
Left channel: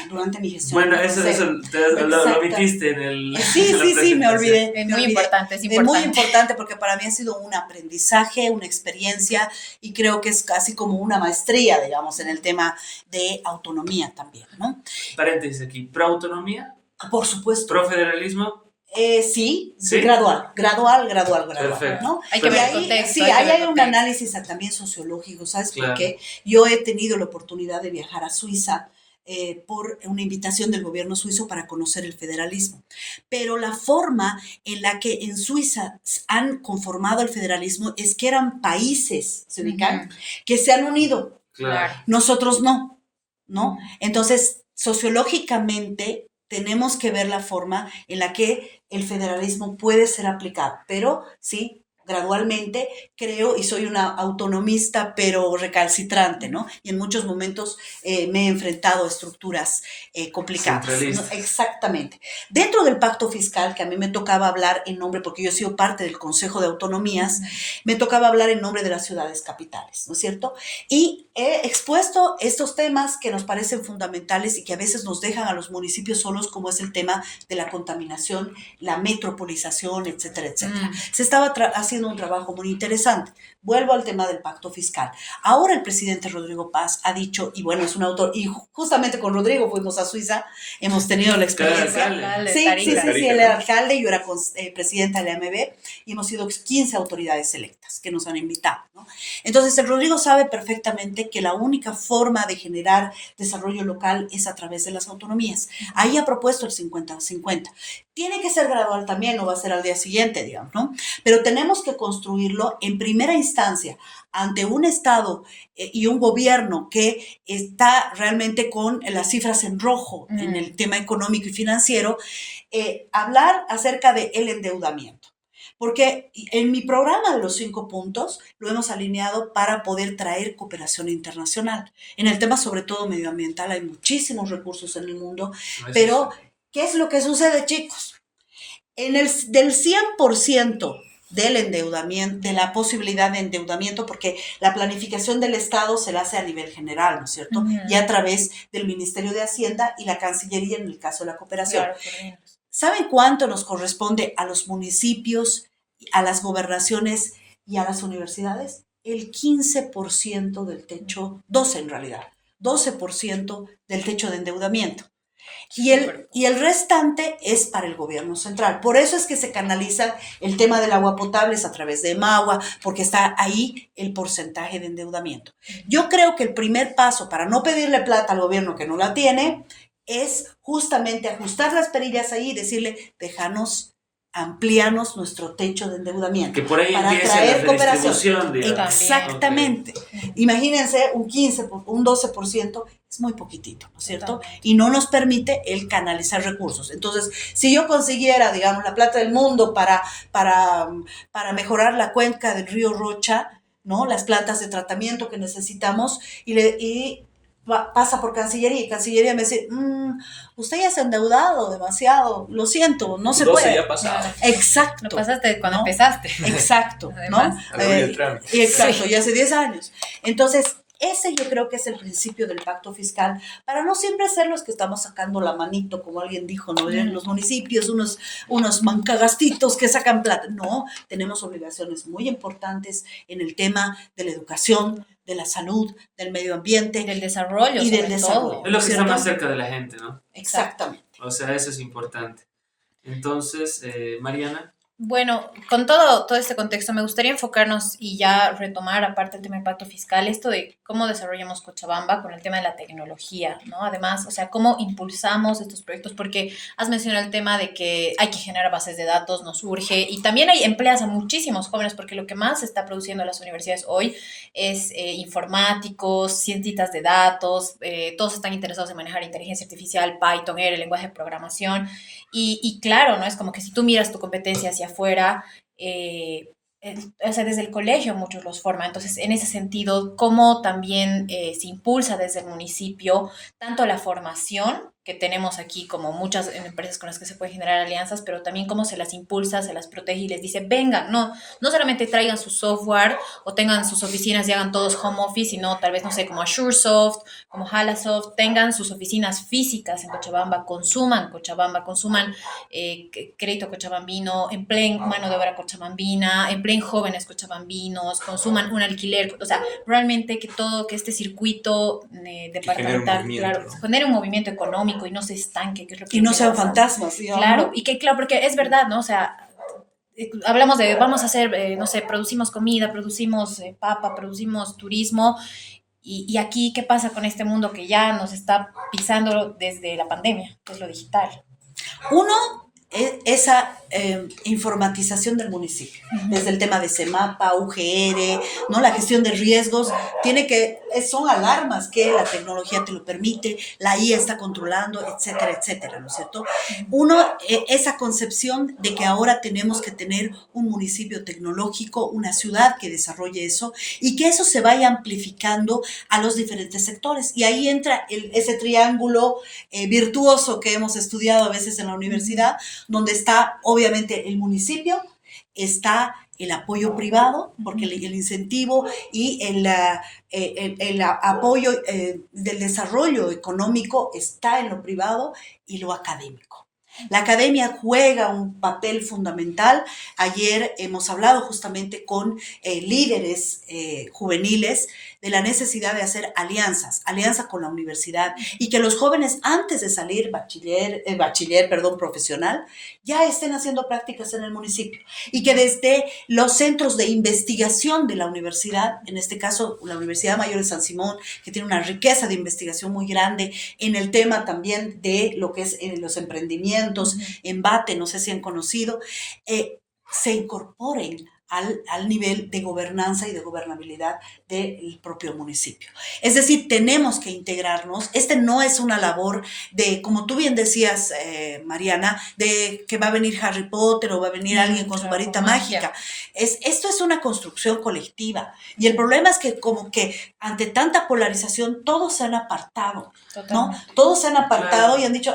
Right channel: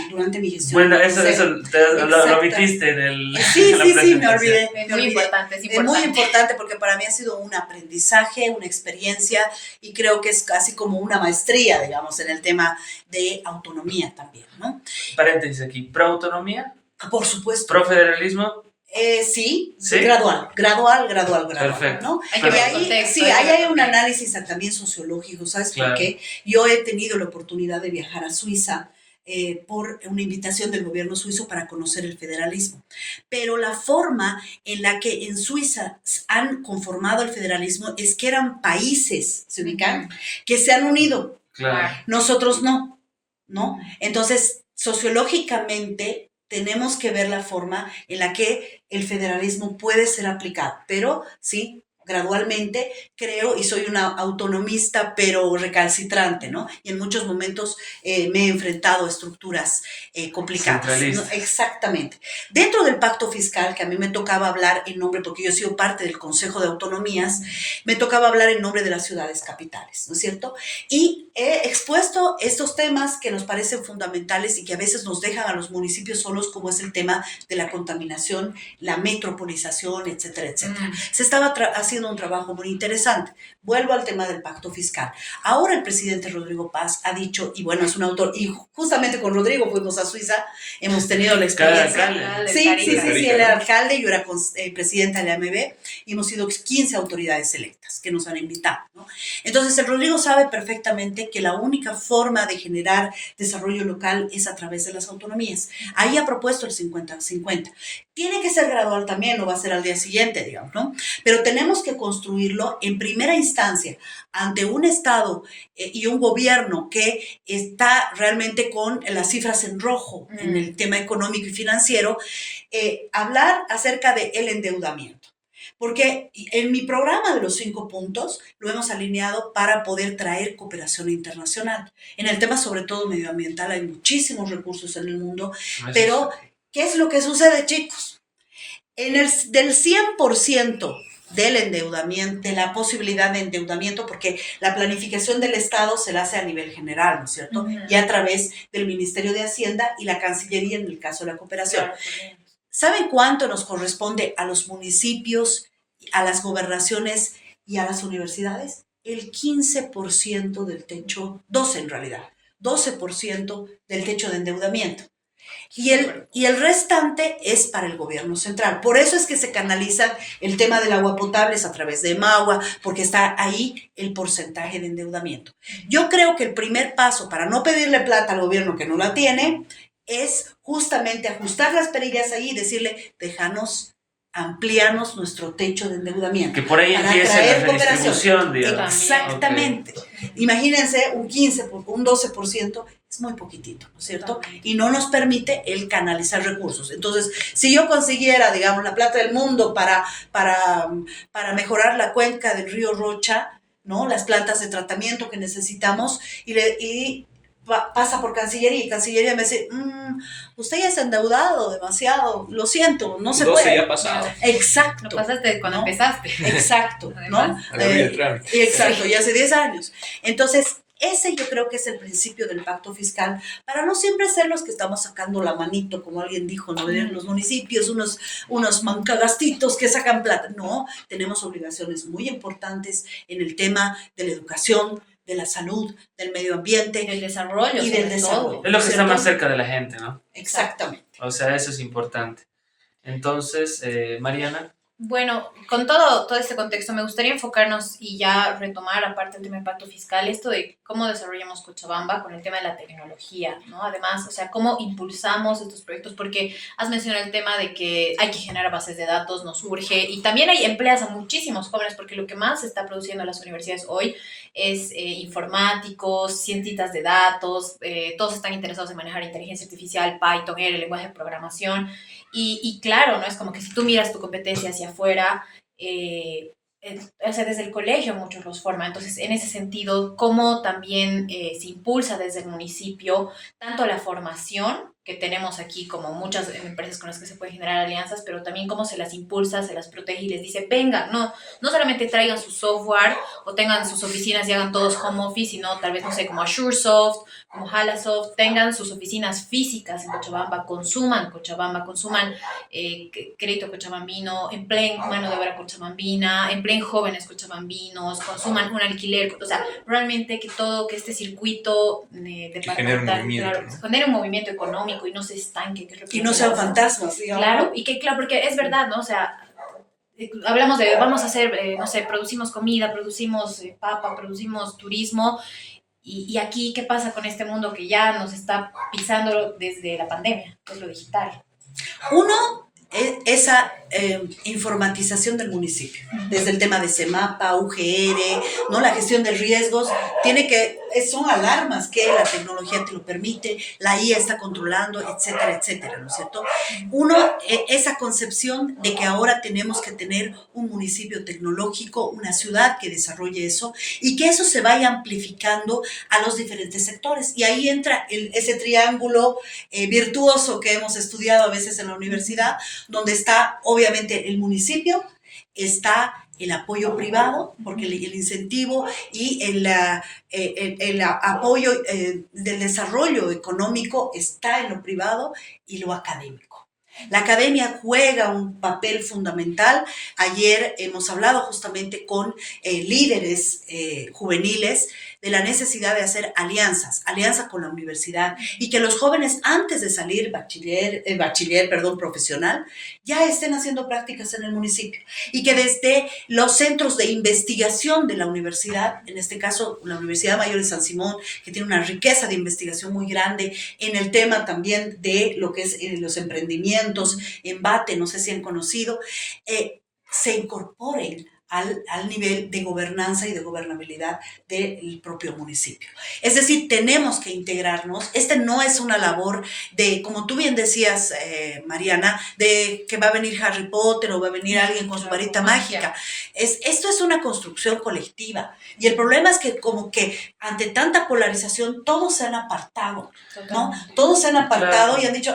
durante mi gestión. Bueno, eso lo omitiste en el Sí, en la sí, me presentación. olvidé. Es muy importante, es Es importante. muy importante porque para mí ha sido un aprendizaje, una experiencia, y creo que es casi como una maestría, digamos, en el tema de autonomía también, ¿no? Paréntesis aquí, proautonomía, Por supuesto. profederalismo. Sí, ¿Sí? gradual, Perfecto. ¿no? Hay que Y ver ahí, contexto, sí, hay que ahí ver hay un contexto. análisis también sociológico, ¿sabes Claro. por qué? Yo he tenido la oportunidad de viajar a Suiza por una invitación del gobierno suizo para conocer el federalismo. Pero la forma en la que en Suiza han conformado el federalismo es que eran países, ¿se ubican? Que se han unido. Claro. Nosotros no, ¿no? Entonces, sociológicamente tenemos que ver la forma en la que el federalismo puede ser aplicado, pero sí, gradualmente creo, y soy una autonomista pero recalcitrante, ¿no? Y en muchos momentos me he enfrentado a estructuras complicadas. Centralistas. ¿No? Exactamente. Dentro del pacto fiscal, que a mí me tocaba hablar en nombre, porque yo he sido parte del Consejo de Autonomías, me tocaba hablar en nombre de las ciudades capitales, ¿no es cierto? Y he expuesto estos temas que nos parecen fundamentales y que a veces nos dejan a los municipios solos, como es el tema de la contaminación, la metropolización, etcétera, etcétera. Se estaba haciendo un trabajo muy interesante. Vuelvo al tema del pacto fiscal. Ahora el presidente Rodrigo Paz ha dicho, y bueno, es un autor, y justamente con Rodrigo fuimos a Suiza, hemos tenido la experiencia. Sí, él era alcalde, yo era presidenta de la AMB, y hemos sido 15 autoridades electas que nos han invitado, ¿no? Entonces, el Rodrigo sabe perfectamente que la única forma de generar desarrollo local es a través de las autonomías. Ahí ha propuesto el 50-50. Tiene que ser gradual también, no va a ser al día siguiente, digamos, ¿no? Pero tenemos que construirlo en primera instancia ante un Estado y un gobierno que está realmente con las cifras en rojo en el tema económico y financiero, hablar acerca del endeudamiento. Porque en mi programa de los 5 puntos lo hemos alineado para poder traer cooperación internacional. En el tema sobre todo medioambiental hay muchísimos recursos en el mundo, pero ¿qué es lo que sucede, chicos? Del 100% del endeudamiento, de la posibilidad de endeudamiento, porque la planificación del Estado se la hace a nivel general, ¿no es cierto? Y a través del Ministerio de Hacienda y la Cancillería en el caso de la cooperación. Claro. ¿Saben cuánto nos corresponde a los municipios, a las gobernaciones y a las universidades? El 15% del techo, 12 en realidad, 12% del techo de endeudamiento. Y el restante es para el gobierno central. Por eso es que se canaliza el tema del agua potable a través de Emagua, porque está ahí el porcentaje de endeudamiento. Yo creo que el primer paso para no pedirle plata al gobierno que no la tiene es justamente ajustar las perillas ahí y decirle, déjanos, amplíanos nuestro techo de endeudamiento. Que por ahí empiece la redistribución, digamos. Exactamente. Okay. Imagínense un 15, un 12%, es muy poquitito, ¿no es cierto? Y no nos permite el canalizar recursos. Entonces, si yo consiguiera, digamos, la plata del mundo para mejorar la cuenca del río Rocha, ¿no? Las plantas de tratamiento que necesitamos, y pasa por Cancillería, y Cancillería me dice, usted ya se ha endeudado demasiado, lo siento, no se puede. Ya pasado. Exacto. Lo pasaste cuando empezaste. Exacto, ¿no? Exacto, y hace 10 años. Entonces, ese yo creo que es el principio del pacto fiscal, para no siempre ser los que estamos sacando la manito, como alguien dijo, ¿no? En los municipios, unos mancagastitos que sacan plata. No, tenemos obligaciones muy importantes en el tema de la educación, de la salud, del medio ambiente. Del desarrollo. Y del desarrollo. Es lo que está más cerca de la gente, ¿no? Exactamente. O sea, eso es importante. Entonces, Mariana. Bueno, con todo este contexto me gustaría enfocarnos y ya retomar, aparte del tema del pacto fiscal, esto de cómo desarrollamos Cochabamba con el tema de la tecnología, ¿no? Además, o sea, cómo impulsamos estos proyectos, porque has mencionado el tema de que hay que generar bases de datos, nos urge, y también hay empleas a muchísimos jóvenes, porque lo que más se está produciendo en las universidades hoy es informáticos, cientistas de datos, todos están interesados en manejar inteligencia artificial, Python, el lenguaje de programación, y claro, ¿no? Es como que si tú miras tu competencia hacia afuera, o sea, desde el colegio muchos los forman. Entonces, en ese sentido, cómo también se impulsa desde el municipio tanto la formación que tenemos aquí, como muchas empresas con las que se pueden generar alianzas, pero también cómo se las impulsa, se las protege y les dice, vengan, no solamente traigan su software o tengan sus oficinas y hagan todos home office, sino tal vez, no sé, como AzureSoft, como Halasoft, tengan sus oficinas físicas en Cochabamba, consuman crédito cochabambino, empleen mano de obra cochabambina, empleen jóvenes cochabambinos, consuman un alquiler, o sea, realmente que este circuito departamental, claro, ¿no? genere un movimiento económico y no se estanque, que es lo que Y no sean pasa. fantasmas, digamos. Claro, y que claro, porque es verdad, ¿no? O sea, hablamos de, vamos a hacer, no sé, producimos comida, producimos papa, producimos turismo, y aquí, ¿qué pasa con este mundo que ya nos está pisando desde la pandemia, que es lo digital? Uno, esa informatización del municipio, desde el tema de CEMAPA, UGR, ¿no? La gestión de riesgos, son alarmas que la tecnología te lo permite, la IA está controlando, etcétera, etcétera, ¿no es cierto? Uno, esa concepción de que ahora tenemos que tener un municipio tecnológico, una ciudad que desarrolle eso y que eso se vaya amplificando a los diferentes sectores. Y ahí entra ese triángulo virtuoso que hemos estudiado a veces en la universidad, donde está obviamente el municipio, está el apoyo privado, porque el incentivo y el apoyo del desarrollo económico está en lo privado y lo académico. La academia juega un papel fundamental. Ayer hemos hablado justamente con líderes juveniles de la necesidad de hacer alianza con la universidad y que los jóvenes antes de salir profesional ya estén haciendo prácticas en el municipio y que desde los centros de investigación de la universidad, en este caso la Universidad Mayor de San Simón, que tiene una riqueza de investigación muy grande en el tema también de lo que es los emprendimientos, Embate, no sé si han conocido, se incorporen al nivel de gobernanza y de gobernabilidad del propio municipio. Es decir, tenemos que integrarnos. No es una labor de, como tú bien decías, Mariana, de que va a venir Harry Potter o va a venir alguien con su varita mágica. Esto es una construcción colectiva. Y el problema es que como que ante tanta polarización todos se han apartado, ¿no? Todos se han apartado, claro, y han dicho,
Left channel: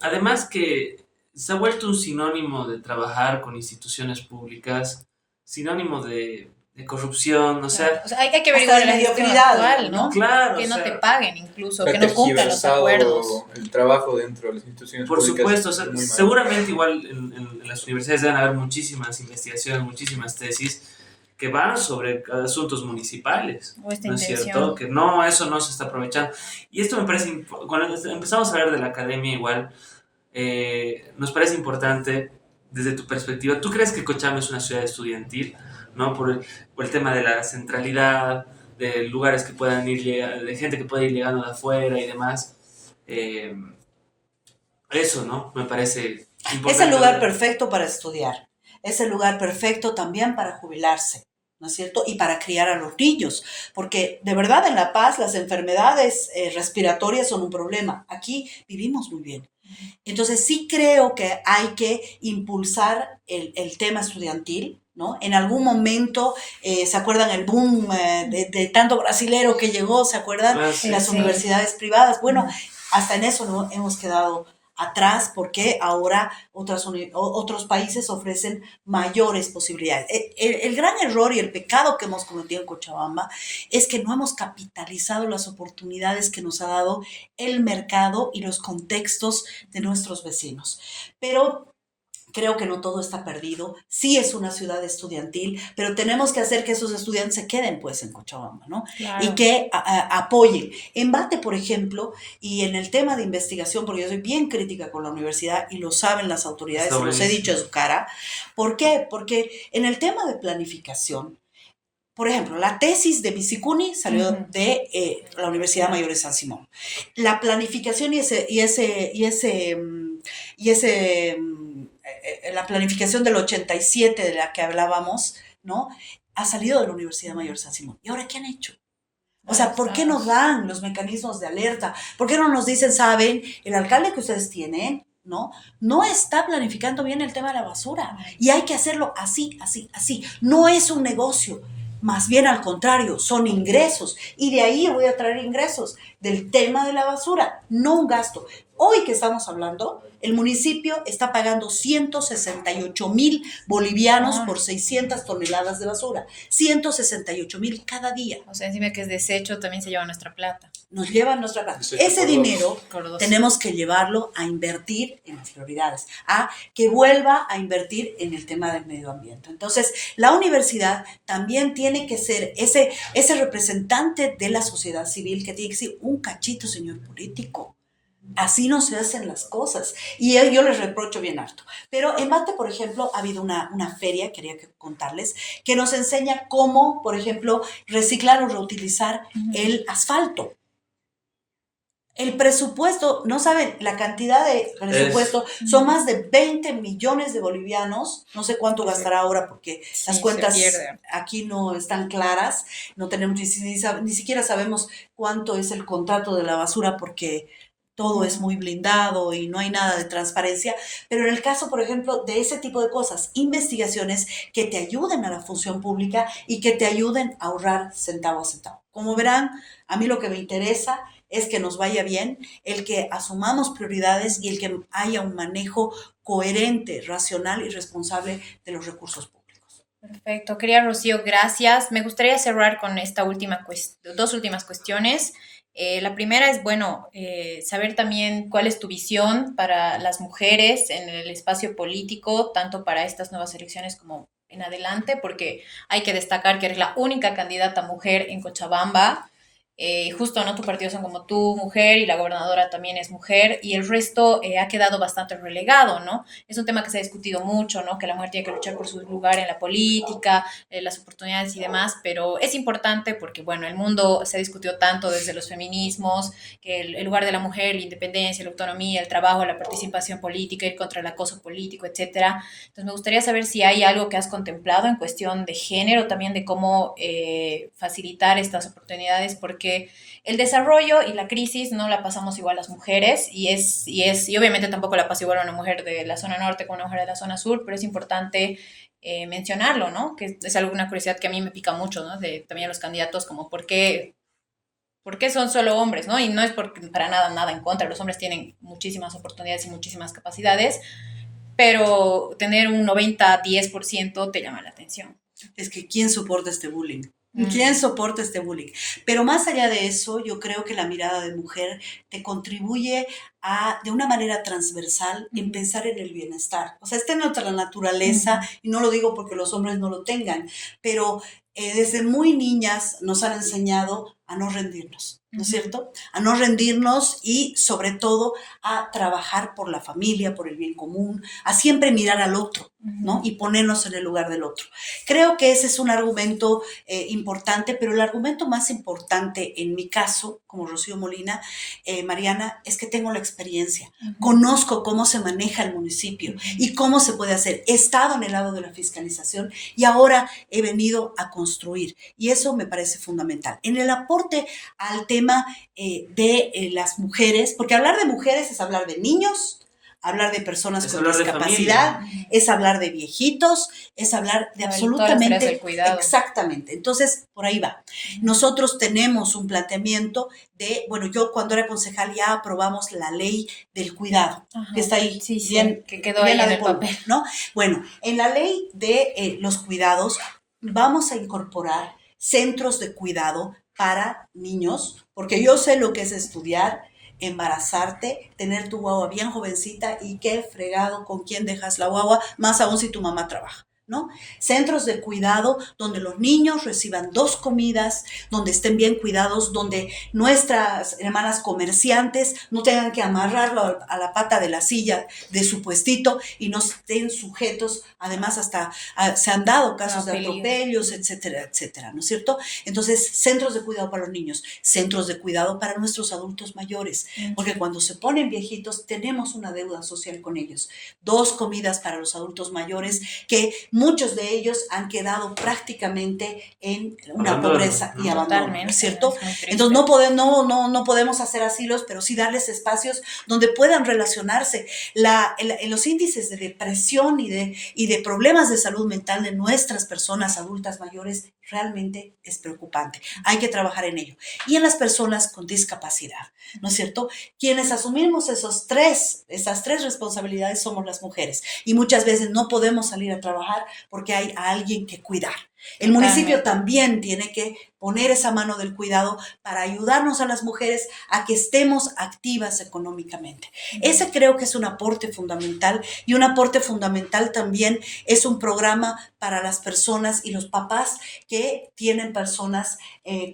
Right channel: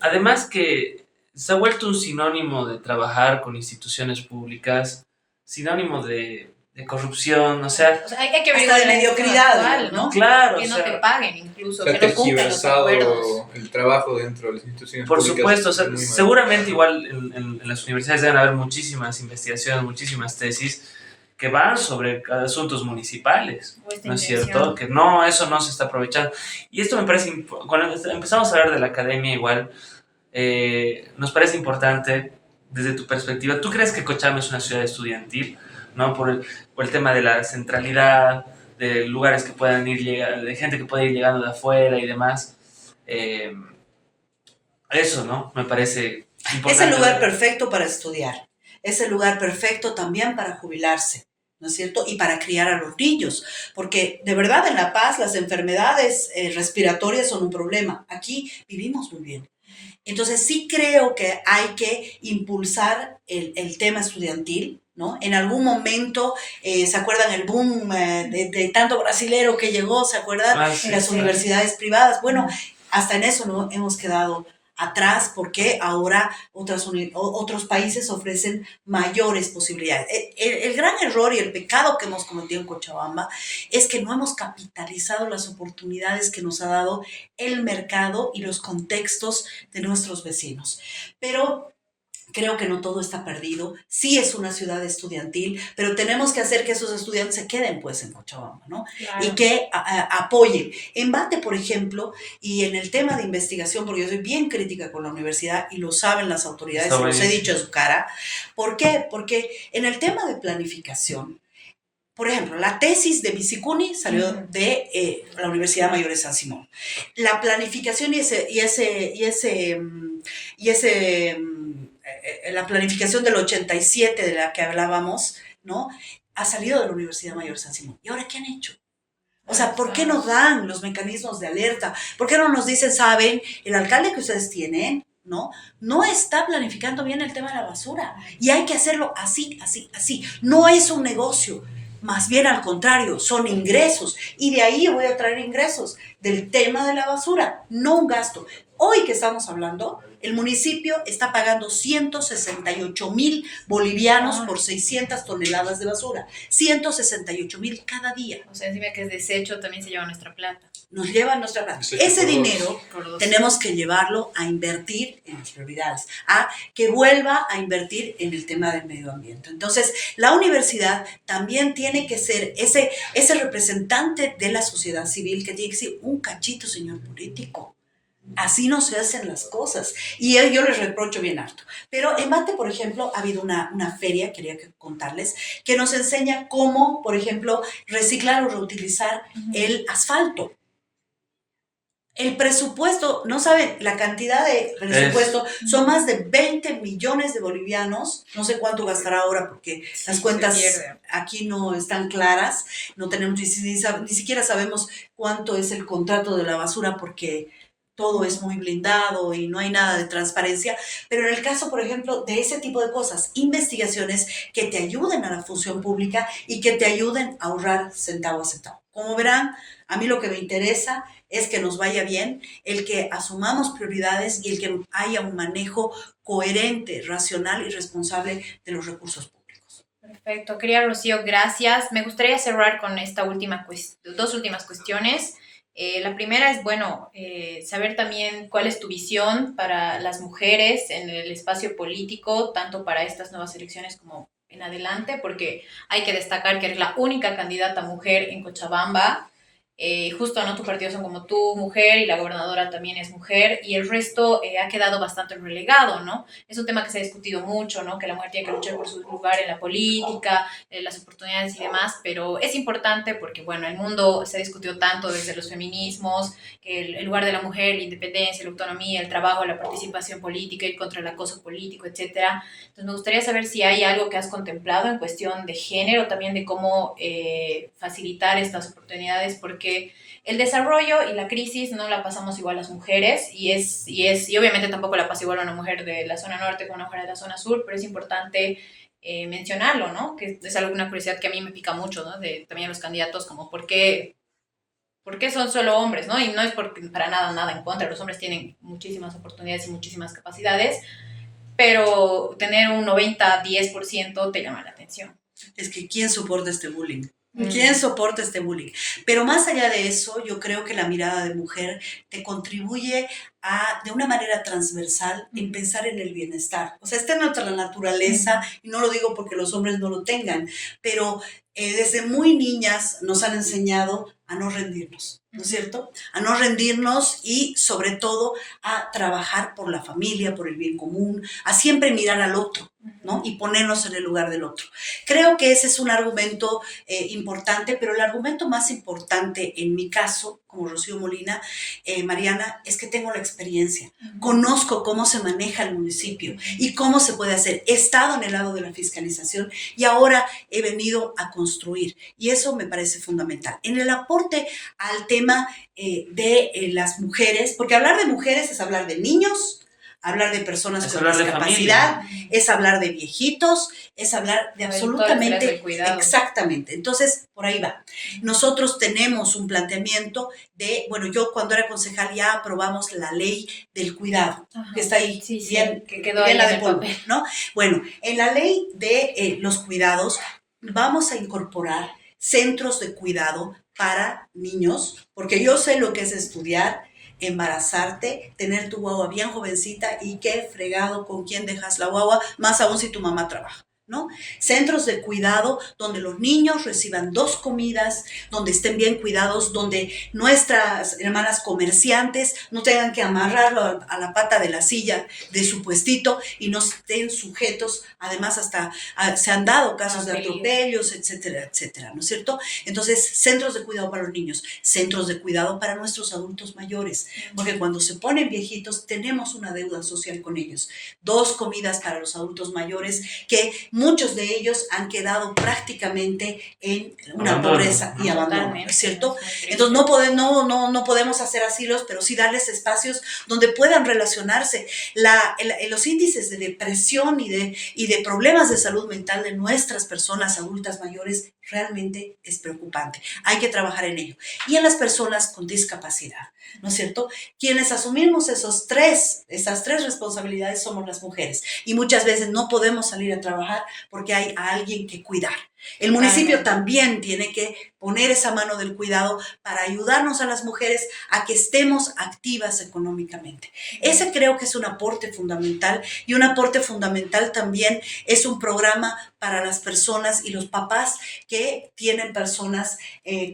además que se ha vuelto un sinónimo de trabajar con instituciones públicas, sinónimo de corrupción, o sea hay que ver hasta de mediocridad, actual, ¿no? Claro, que no te paguen incluso, que no cumplan los acuerdos. El trabajo dentro de las instituciones por públicas. Por supuesto, o sea, seguramente igual en las universidades deben haber muchísimas investigaciones, muchísimas tesis que van sobre asuntos municipales, ¿no es cierto? Que eso no se está aprovechando. Y esto me parece, cuando empezamos a hablar de la academia igual, nos parece importante desde tu perspectiva. ¿Tú crees que Cochabamba es una ciudad estudiantil, ¿no? Por el tema de la centralidad, de lugares que puedan de gente que puede ir llegando de afuera y demás? Eso, ¿no? Me parece importante. Es el lugar perfecto para estudiar. Es el lugar perfecto también para jubilarse, ¿no es cierto? Y para criar a los niños, porque de verdad en La Paz las enfermedades respiratorias son un problema. Aquí vivimos muy bien. Entonces sí creo que hay que impulsar el tema estudiantil, ¿no? En algún momento, ¿se acuerdan el boom de tanto brasilero que llegó? ¿Se acuerdan? Sí, en las universidades privadas. Bueno, hasta en eso no hemos quedado atrás porque ahora otros países ofrecen mayores posibilidades. El gran error y el pecado que hemos cometido en Cochabamba es que no hemos capitalizado las oportunidades que nos ha dado el mercado y los contextos de nuestros vecinos. Pero creo que no todo está perdido. Sí es una ciudad estudiantil, pero tenemos que hacer que esos estudiantes se queden pues en Cochabamba, ¿no? Claro. Y que apoyen. Embate, por ejemplo, y en el tema de investigación, porque yo soy bien crítica con la universidad y lo saben las autoridades, se los he dicho en su cara. ¿Por qué? Porque en el tema de planificación, por ejemplo, la tesis de Bicicuni salió de la Universidad Mayor de San Simón. La planificación la planificación del 87 de la que hablábamos, ¿no? Ha salido de la Universidad Mayor de San Simón. ¿Y ahora qué han hecho? O sea, ¿por qué no dan los mecanismos de alerta? ¿Por qué no nos dicen, saben, el alcalde que ustedes tienen, no está planificando bien el tema de la basura y hay que hacerlo así, así, así? No es un negocio. más bien al contrario, son ingresos. Y de ahí voy a traer ingresos del tema de la basura, no un gasto. Hoy que estamos hablando, el municipio está pagando 168,000 bolivianos por 600 toneladas de basura. 168,000 cada día. O sea, encima que es desecho, también se lleva nuestra plata. Nos llevan nuestra plata. Desecho Ese por dinero Por dos. tenemos que llevarlo a invertir en las prioridades, a que vuelva a invertir en el tema del medio ambiente. Entonces, la universidad también tiene que ser ese representante de la sociedad civil que tiene que ser un cachito, señor político. Así no se hacen las cosas. Y yo les reprocho bien harto. Pero en Mate, por ejemplo, ha habido una feria, quería contarles, que nos enseña cómo, por ejemplo, reciclar o reutilizar el asfalto. El presupuesto, no saben, la cantidad de presupuesto, son más de 20 millones de bolivianos. No sé cuánto gastará ahora porque Sí, las cuentas se pierde. aquí no están claras. No tenemos ni siquiera sabemos cuánto es el contrato de la basura porque todo es muy blindado y no hay nada de transparencia. Pero en el caso, por ejemplo, de ese tipo de cosas, investigaciones que te ayuden a la función pública y que te ayuden a ahorrar centavo a centavo. Como verán, a mí lo que me interesa es que nos vaya bien, el que asumamos prioridades y el que haya un manejo coherente, racional y responsable de los recursos públicos. Perfecto. Querida Rocío, gracias. Me gustaría cerrar con esta dos últimas cuestiones. La primera es, bueno, saber también cuál es tu visión para las mujeres en el espacio político, tanto para estas nuevas elecciones como en adelante, porque hay que destacar que eres la única candidata mujer en Cochabamba. Justo, ¿no? Tu partido son como tú, mujer, y la gobernadora también es mujer, y el resto ha quedado bastante relegado, ¿no? Es un tema que se ha discutido mucho, ¿no? Que la mujer tiene que luchar por su lugar en la política, las oportunidades y demás, pero es importante porque, bueno, el mundo se ha discutido tanto desde los feminismos, que el lugar de la mujer, la independencia, la autonomía, el trabajo, la participación política, ir contra el acoso político, etcétera. Entonces, me gustaría saber si hay algo que has contemplado en cuestión de género, también de cómo facilitar estas oportunidades, porque el desarrollo y la crisis no la pasamos igual las mujeres y obviamente tampoco la pasa igual a una mujer de la zona norte con una mujer de la zona sur, pero es importante mencionarlo, ¿no? Que es alguna curiosidad que a mí me pica mucho, ¿no? De también los candidatos, como por qué son solo hombres, ¿no? Y no es porque para nada en contra, los hombres tienen muchísimas oportunidades y muchísimas capacidades, pero tener un 90-10% te llama la atención. Es que ¿quién soporta este bullying? ¿Quién soporta este bullying? Pero más allá de eso, yo creo que la mirada de mujer te contribuye de una manera transversal en pensar en el bienestar. O sea, está en nuestra naturaleza, y no lo digo porque los hombres no lo tengan, pero desde muy niñas nos han enseñado a no rendirnos, ¿no es cierto? A no rendirnos y sobre todo a trabajar por la familia, por el bien común, a siempre mirar al otro, ¿no? Y ponernos en el lugar del otro. Creo que ese es un argumento importante, pero el argumento más importante en mi caso, como Rocío Molina, Mariana, es que tengo la experiencia. Conozco cómo se maneja el municipio y cómo se puede hacer. He estado en el lado de la fiscalización y ahora he venido a construir. Y eso me parece fundamental. En el aporte al tema de las mujeres, porque hablar de mujeres es hablar de niños, hablar de personas con discapacidad, es hablar de viejitos, es hablar de absolutamente... Exactamente. Entonces, por ahí va. Nosotros tenemos un planteamiento de, bueno, yo cuando era concejal ya aprobamos la ley del cuidado, que está ahí, bien, que quedó bien ahí la de polvo, ¿no? Bueno, en la ley de los cuidados vamos a incorporar centros de cuidado para niños, porque yo sé lo que es estudiar, embarazarte, tener tu guagua bien jovencita y qué fregado con quién dejas la guagua, más aún si tu mamá trabaja, ¿no? Centros de cuidado donde los niños reciban 2 comidas, donde estén bien cuidados, donde nuestras hermanas comerciantes no tengan que amarrarlo a la pata de la silla de su puestito y no estén sujetos, además hasta se han dado casos de atropellos, etcétera, etcétera, ¿no es cierto? Entonces, centros de cuidado para los niños, centros de cuidado para nuestros adultos mayores, porque cuando se ponen viejitos tenemos una deuda social con ellos. 2 comidas para los adultos mayores que muchos de ellos han quedado prácticamente en una pobreza y abandono, ¿no es cierto? Entonces no podemos hacer asilos, pero sí darles espacios donde puedan relacionarse. Los índices de depresión y de problemas de salud mental de nuestras personas adultas mayores realmente es preocupante. Hay que trabajar en ello. Y en las personas con discapacidad, ¿no es cierto? Quienes asumimos esas tres responsabilidades somos las mujeres. Y muchas veces no podemos salir a trabajar porque hay a alguien que cuidar. El municipio también tiene que poner esa mano del cuidado para ayudarnos a las mujeres a que estemos activas económicamente. Ese creo que es un aporte fundamental, y un aporte fundamental también es un programa para las personas y los papás que tienen personas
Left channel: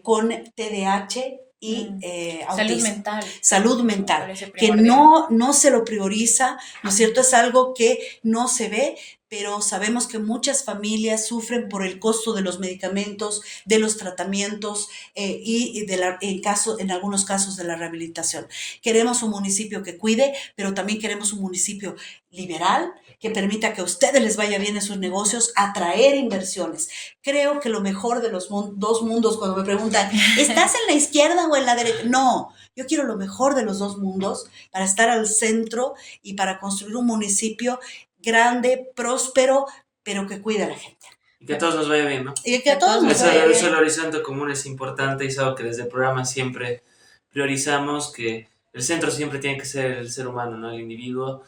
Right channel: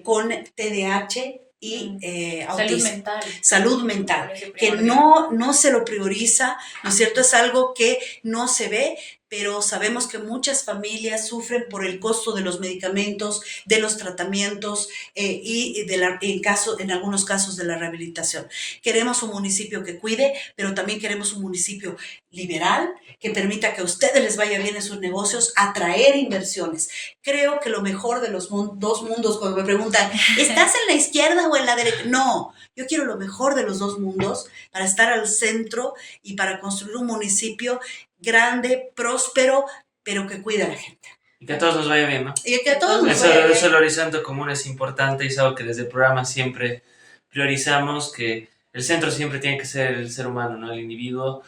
con TDAH y autismo. Salud mental, que no se lo prioriza, ¿no es cierto? Es algo que no se ve, pero sabemos que muchas familias sufren por el costo de los medicamentos, de los tratamientos en algunos casos de la rehabilitación. Queremos un municipio que cuide, pero también queremos un municipio liberal, que permita que a ustedes les vaya bien en sus negocios, atraer inversiones. Creo que lo mejor de los dos mundos, cuando me preguntan, ¿estás en la izquierda o en la derecha? No, yo quiero lo mejor de los dos mundos para estar al centro y para construir un municipio grande, próspero, pero que cuide a la gente. Y que a todos nos vaya bien, ¿no? Y que a todos nos vaya bien. Eso el horizonte común es importante, y es algo que desde el programa siempre priorizamos, que el centro siempre tiene que ser el ser humano, ¿no? El individuo.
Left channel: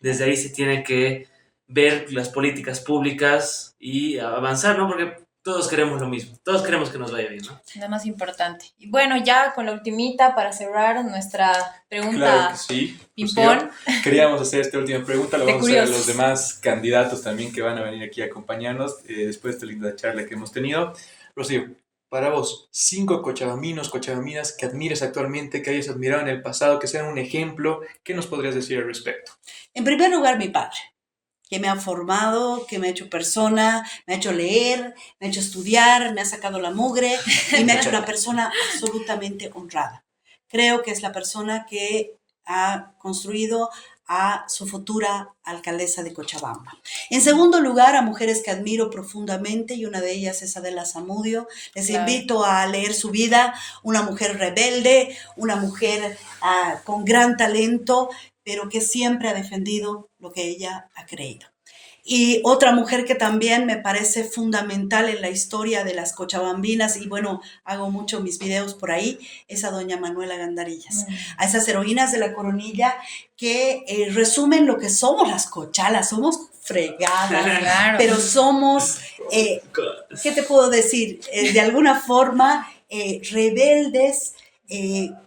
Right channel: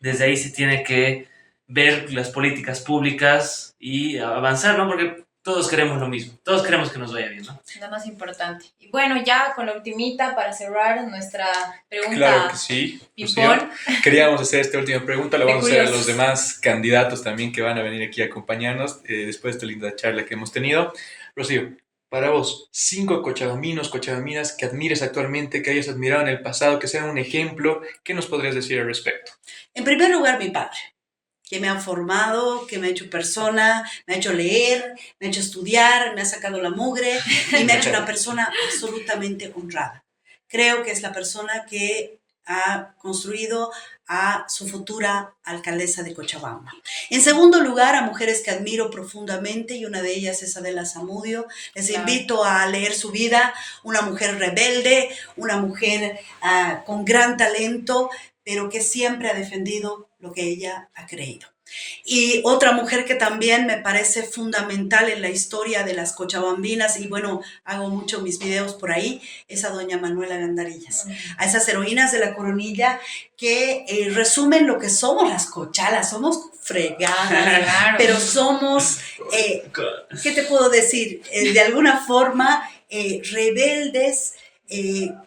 Desde ahí se tiene que ver las políticas públicas y avanzar, ¿no? Porque todos queremos lo mismo, todos queremos que nos vaya bien, ¿no? Lo más importante. Y bueno, ya con la ultimita para cerrar nuestra pregunta. Claro que sí. Rocío, queríamos hacer esta última pregunta, la vamos a hacer a los demás candidatos también que van a venir aquí a acompañarnos después de esta linda charla que hemos tenido. Rocío, para vos, 5 cochabambinos, cochabaminas que admires actualmente, que hayas admirado en el pasado, que sean un ejemplo, ¿qué nos podrías decir al respecto? En primer lugar, mi padre, que me ha formado, que me ha hecho persona, me ha hecho leer, me ha hecho estudiar, me ha sacado la mugre y me ha hecho una persona absolutamente honrada. Creo que es la persona que ha construido a su futura alcaldesa de Cochabamba. En segundo lugar, a mujeres que admiro profundamente, y una de ellas es Adela Zamudio. Les invito a leer su vida, una mujer rebelde, una mujer con gran talento, pero que siempre ha defendido lo que ella ha creído. Y otra mujer que también me parece fundamental en la historia de las cochabambinas, y bueno, hago mucho mis videos por ahí, es a doña Manuela Gandarillas, a esas heroínas de la coronilla que resumen lo que somos las cochalas. Somos fregadas, claro, pero somos, ¿qué te puedo decir? De alguna forma rebeldes,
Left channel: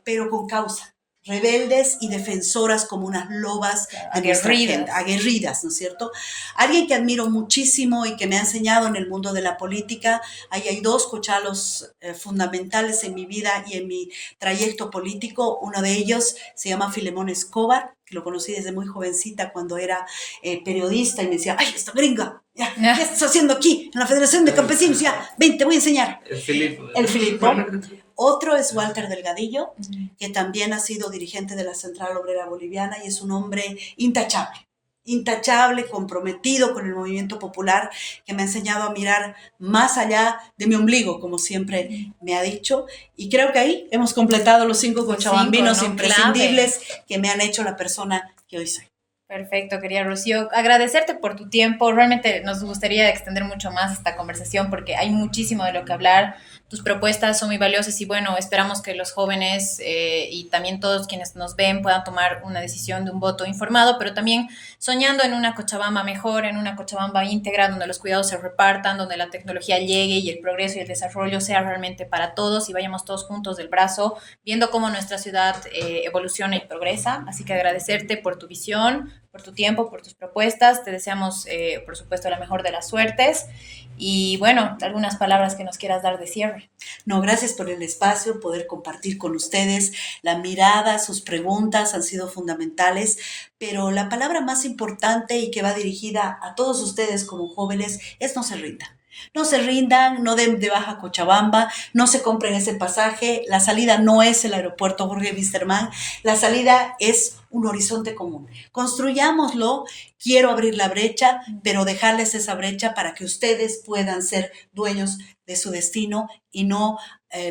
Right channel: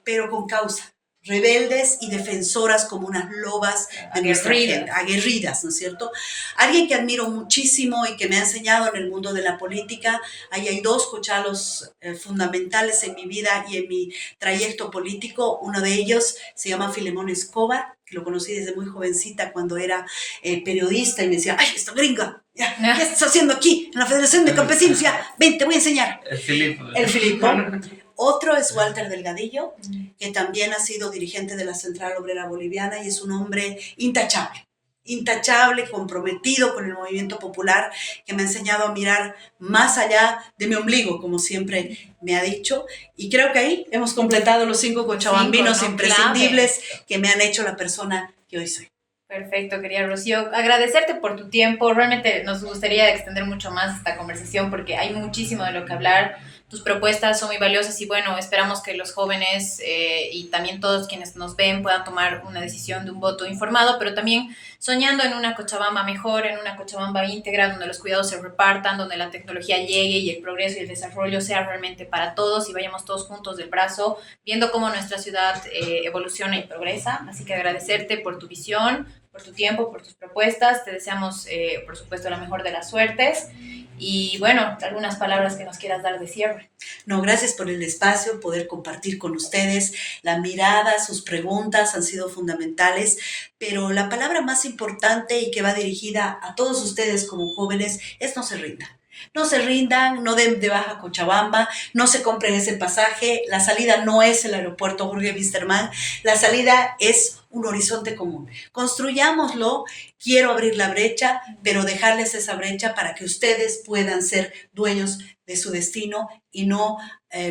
pero con causa. Rebeldes y defensoras como unas lobas de nuestra gente, aguerridas, ¿no es cierto? Alguien que admiro muchísimo y que me ha enseñado en el mundo de la política. Ahí hay 2 cochalos fundamentales en mi vida y en mi trayecto político. Uno de ellos se llama Filemón Escobar, que lo conocí desde muy jovencita cuando era periodista, y me decía, ¡ay, esta gringa! ¿Qué estás haciendo aquí en la Federación de Campesinos? Ya, ven, te voy a enseñar. El Filipo. El Filipo. Otro es Walter Delgadillo, que también ha sido dirigente de la Central Obrera Boliviana y es un hombre intachable, comprometido con el movimiento popular, que me ha enseñado a mirar más allá de mi ombligo, como siempre me ha dicho. Y creo que ahí hemos completado los 5 cochabambinos imprescindibles que me han hecho la persona que hoy soy. Perfecto, querida Rocío. Agradecerte por tu tiempo. Realmente nos gustaría extender mucho más esta conversación porque hay muchísimo de lo que hablar. Tus propuestas son muy valiosas y bueno, esperamos que los jóvenes y también todos quienes nos ven puedan tomar una decisión de un voto informado, pero también soñando en una Cochabamba mejor, en una Cochabamba íntegra, donde los cuidados se repartan, donde la tecnología llegue y el progreso y el desarrollo sea realmente para todos y vayamos todos juntos del brazo, viendo cómo nuestra ciudad evoluciona y progresa. Así que agradecerte por tu visión, por tu tiempo, por tus propuestas. Te deseamos, por supuesto, la mejor de las suertes. Y bueno, algunas palabras que nos quieras dar de cierre. No, gracias por el espacio, poder compartir con ustedes la mirada, sus preguntas han sido fundamentales, pero la palabra más importante y que va dirigida a todos ustedes como jóvenes es no se rindan. No se rindan, no den de baja Cochabamba, no se compren ese pasaje. La salida no es el aeropuerto Jorge Wisterman, la salida es un horizonte común. Construyámoslo, quiero abrir la brecha, pero dejarles esa brecha para que ustedes puedan ser dueños de su destino y no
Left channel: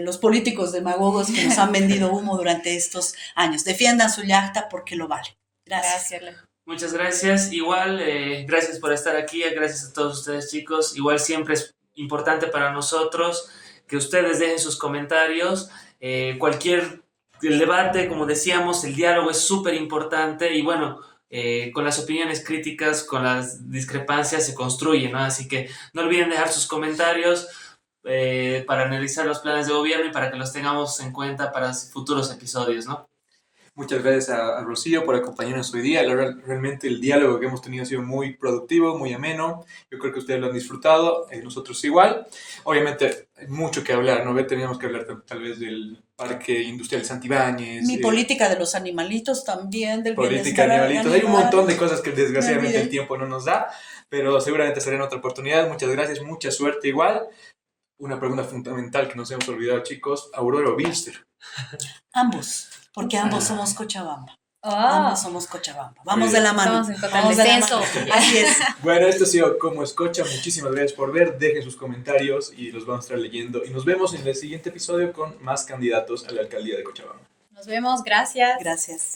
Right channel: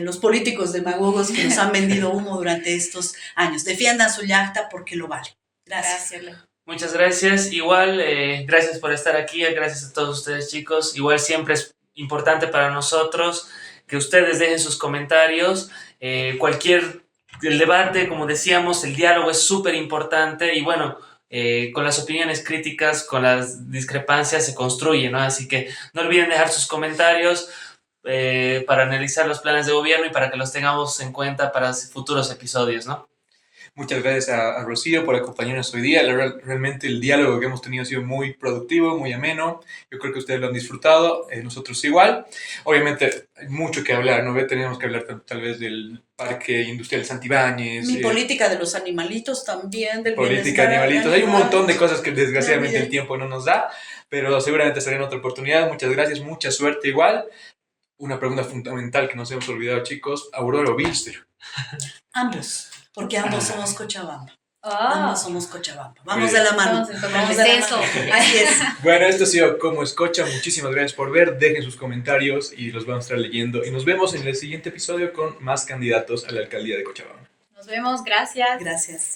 los políticos demagogos que nos han vendido humo durante estos años. Defiendan su yacta porque lo vale. Gracias. Muchas gracias. Igual, gracias por estar aquí. Gracias a todos ustedes, chicos. Igual siempre es importante para nosotros que ustedes dejen sus comentarios. El debate, como decíamos, el diálogo es súper importante y bueno, con las opiniones críticas, con las discrepancias se construye, ¿no? Así que no olviden dejar sus comentarios para analizar los planes de gobierno y para que los tengamos en cuenta para futuros episodios, ¿no? Muchas gracias a Rocío por acompañarnos hoy día. Realmente el diálogo que hemos tenido ha sido muy productivo, muy ameno. Yo creo que ustedes lo han disfrutado, nosotros igual. Obviamente hay mucho que hablar, ¿no? Tenemos que hablar tal vez del Parque Industrial Santibáñez. Mi política de los animalitos también, del Política de bienestar animalitos. Hay un animal. montón de cosas que desgraciadamente olvidé. el tiempo no nos da, pero seguramente será en otra oportunidad. Muchas gracias, mucha suerte igual. Una pregunta fundamental que nos hemos olvidado, chicos. ¿Aurora o Bilster? Ambos, porque ambos somos Cochabamba. Ah, Ambos somos Cochabamba. Vamos de bien. la mano. Estamos en total Vamos de la descenso. mano. Así es. Bueno, esto ha sido Como Escocha. Muchísimas gracias por ver. Dejen sus comentarios y los vamos a estar leyendo. Y nos vemos en el siguiente episodio con más candidatos a la alcaldía de Cochabamba. Nos vemos, gracias. Gracias.